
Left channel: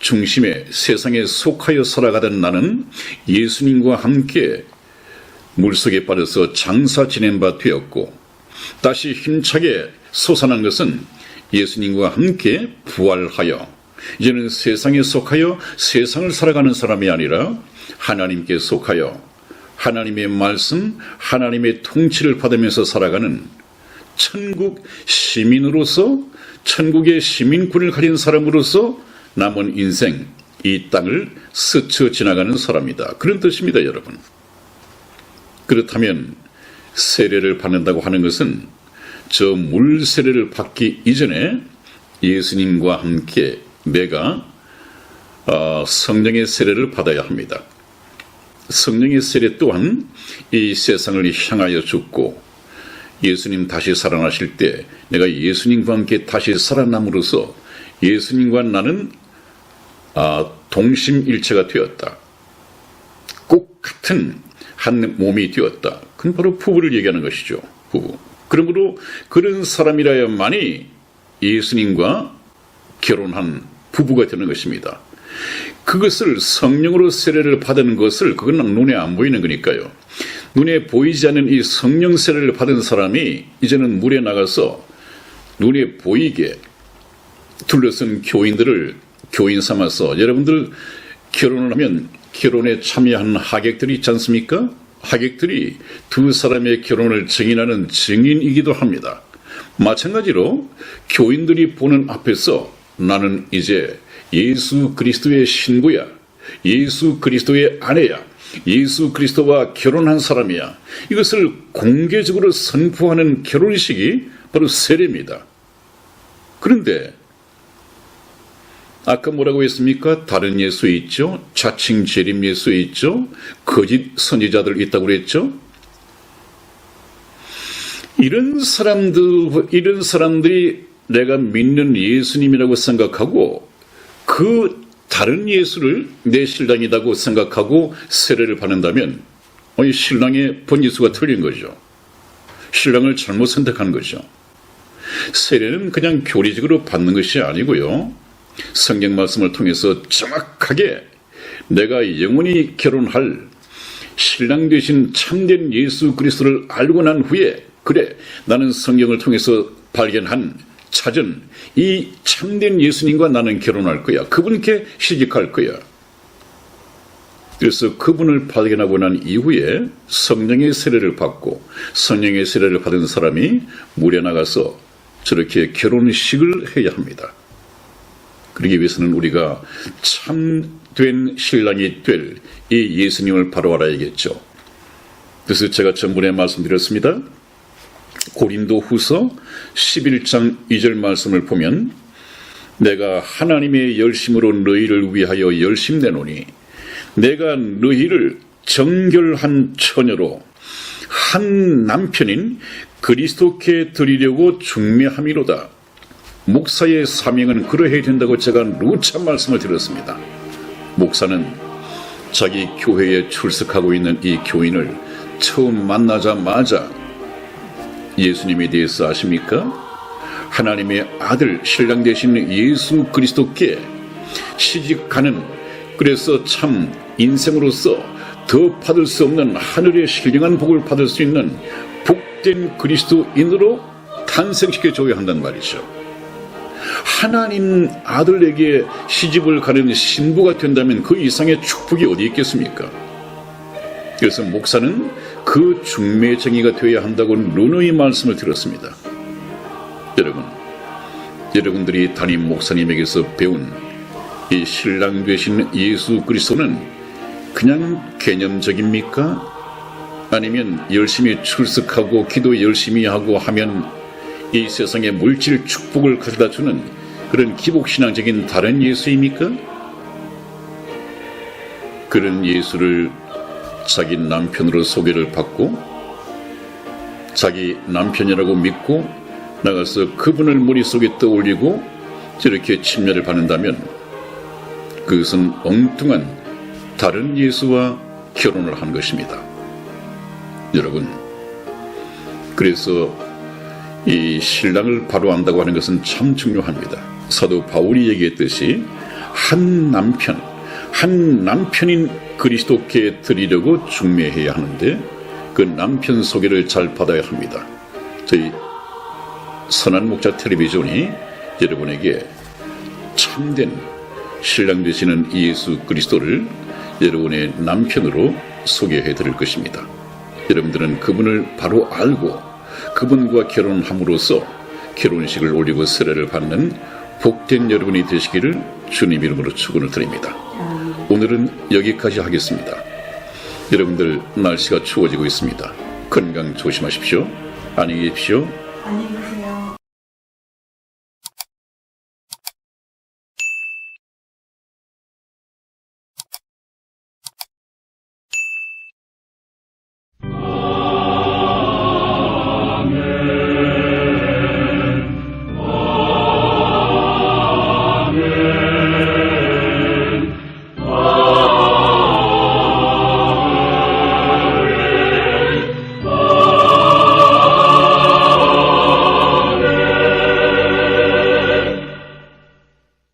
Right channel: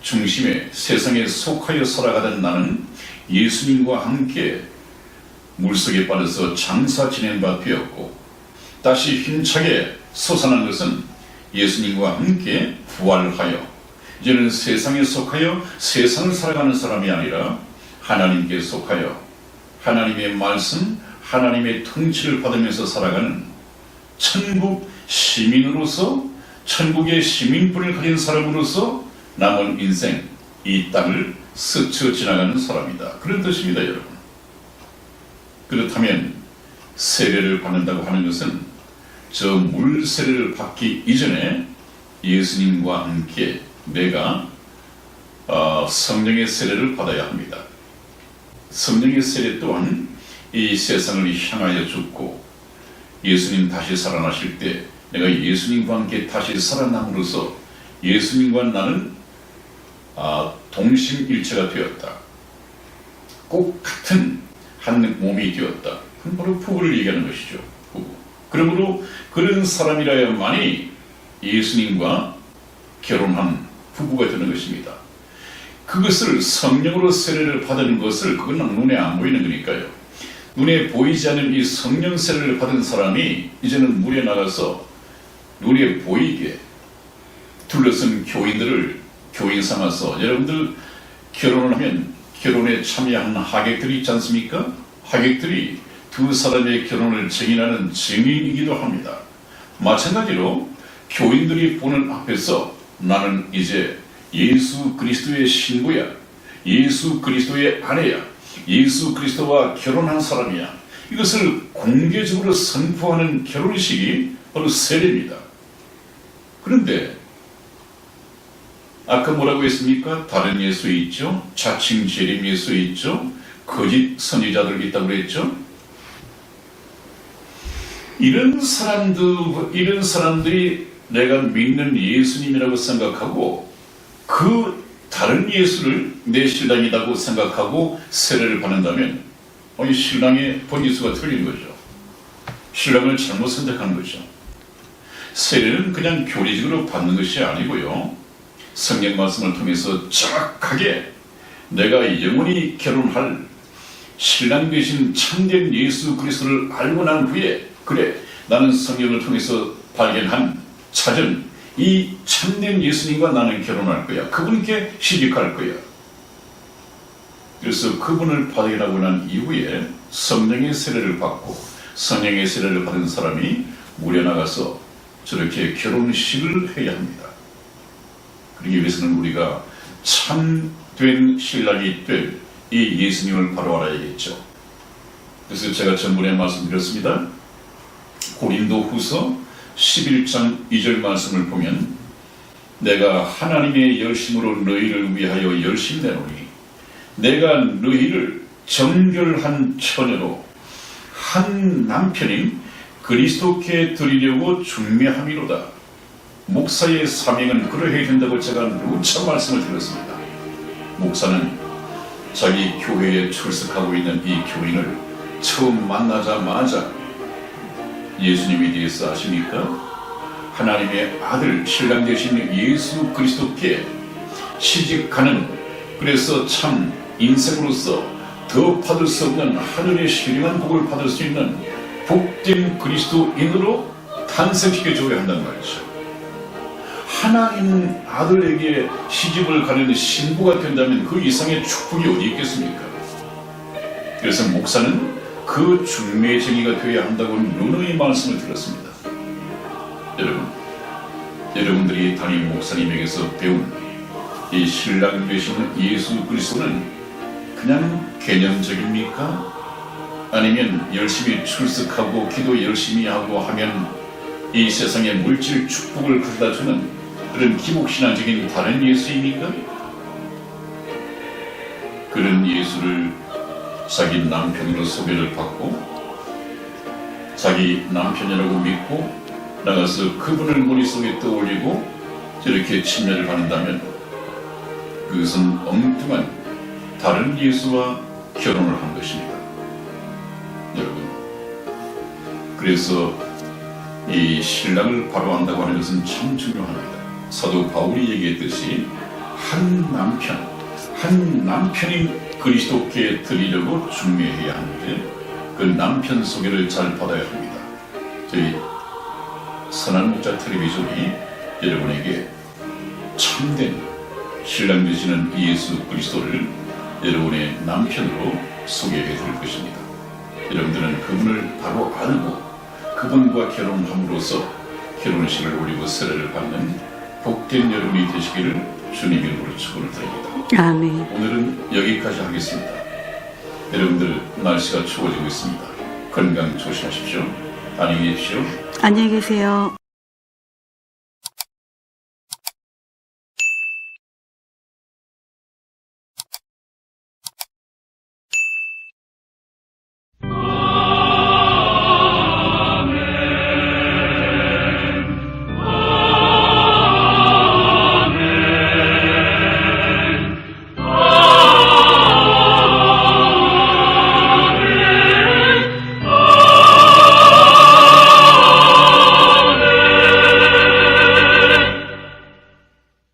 중심에 세상에 속하여 살아가던 나는 예수님과 함께 물속에 빠져서 장사 지낸 바 되었고 다시 힘차게 솟아난 것은 예수님과 함께 부활하여 이제는 세상에 속하여 세상을 살아가는 사람이 아니라 하나님께 속하여 하나님의 말씀, 하나님의 통치를 받으면서 살아가는 천국 시민으로서 천국의 시민권을 가진 사람으로서 남은 인생 이 땅을 스쳐 지나가는 사람이다. 그런 뜻입니다, 여러분. 그렇다면 세례를 받는다고 하는 것은 저 물 세례를 받기 이전에 예수님과 함께 내가 성령의 세례를 받아야 합니다. 성령의 세례 또한 이 세상을 향하여 죽고 예수님 다시 살아나실 때 내가 예수님과 함께 다시 살아남으로써 예수님과 나는 동심일체가 되었다. 꼭 같은 한 몸이 되었다. 그건 바로 부부를 얘기하는 것이죠. 부부. 그러므로 그런 사람이라야만이 예수님과 결혼한 부부가 되는 것입니다. 그것을 성령으로 세례를 받은 것을 그건 눈에 안 보이는 거니까요. 눈에 보이지 않는 이 성령 세례를 받은 사람이 이제는 물에 나가서 눈에 보이게 둘러쓴 교인들을 교인 삼아서, 여러분들 결혼을 하면 결혼에 참여하는 하객들이 있지 않습니까? 하객들이 두 사람의 결혼을 증인하는 증인이기도 합니다. 마찬가지로 교인들이 보는 앞에서 나는 이제 예수 그리스도의 신부야, 예수 그리스도의 아내야, 예수 그리스도와 결혼한 사람이야, 이것을 공개적으로 선포하는 결혼식이 바로 세례입니다. 그런데 아까 뭐라고 했습니까? 다른 예수 있죠? 자칭 재림 예수 있죠? 거짓 선지자들 있다고 그랬죠? 이런 사람들이 내가 믿는 예수님이라고 생각하고 그 다른 예수를 내 신랑이라고 생각하고 세례를 받는다면 이 신랑의 번지수가 틀린 거죠. 신랑을 잘못 선택한 거죠. 세례는 그냥 교리적으로 받는 것이 아니고요, 성경 말씀을 통해서 정확하게 내가 영원히 결혼할 신랑 되신 참된 예수 그리스도를 알고 난 후에, 그래 나는 성경을 통해서 찾은 이 참된 예수님과 나는 결혼할 거야, 그분께 시집갈 거야. 그래서 그분을 발견하고 난 이후에 성령의 세례를 받고, 성령의 세례를 받은 사람이 물에 나가서 저렇게 결혼식을 해야 합니다. 그러기 위해서는 우리가 참된 신랑이 될 이 예수님을 바로 알아야겠죠. 그래서 제가 전번에 말씀드렸습니다. 고린도 후서 11장 2절 말씀을 보면, 내가 하나님의 열심으로 너희를 위하여 열심 내노니 내가 너희를 정결한 처녀로 한 남편인 그리스도께 드리려고 중매함이로다. 목사의 사명은 그러해야 된다고 제가 누차 말씀을 드렸습니다. 목사는 자기 교회에 출석하고 있는 이 교인을 처음 만나자마자 예수님에 대해서 아십니까? 하나님의 아들 신랑 되신 예수 그리스도께 시집가는, 그래서 참 인생으로서 더 받을 수 없는 하늘의 신령한 복을 받을 수 있는 복된 그리스도인으로 탄생시켜줘야 한다는 말이죠. 하나님 아들에게 시집을 가는 신부가 된다면 그 이상의 축복이 어디 있겠습니까? 그래서 목사는 그 중매쟁이가 되어야 한다고 누누이 말씀을 드렸습니다. 여러분들이 담임 목사님에게서 배운 이 신랑 되신 예수 그리스도는 그냥 개념적입니까? 아니면 열심히 출석하고 기도 열심히 하고 하면 이 세상의 물질 축복을 가져다주는 그런 기복신앙적인 다른 예수입니까? 그런 예수를 자기 남편으로 소개를 받고 자기 남편이라고 믿고 나가서 그분을 머릿속에 떠올리고 저렇게 침례를 받는다면 그것은 엉뚱한 다른 예수와 결혼을 한 것입니다. 여러분, 그래서 이 신랑을 바로 안다고 하는 것은 참 중요합니다. 사도 바울이 얘기했듯이 한 남편인 그리스도께 드리려고 중매해야 하는데 그 남편 소개를 잘 받아야 합니다. 저희 선한 목자 텔레비전이 여러분에게 참된 신랑 되시는 예수 그리스도를 여러분의 남편으로 소개해 드릴 것입니다. 여러분들은 그분을 바로 알고 그분과 결혼함으로써 결혼식을 올리고 세례를 받는 복된 여러분이 되시기를 주님 이름으로 축원을 드립니다. 아멘. 오늘은 여기까지 하겠습니다. 여러분들 날씨가 추워지고 있습니다. 건강 조심하십시오. 안녕히 계십시오. 안녕히 계세요.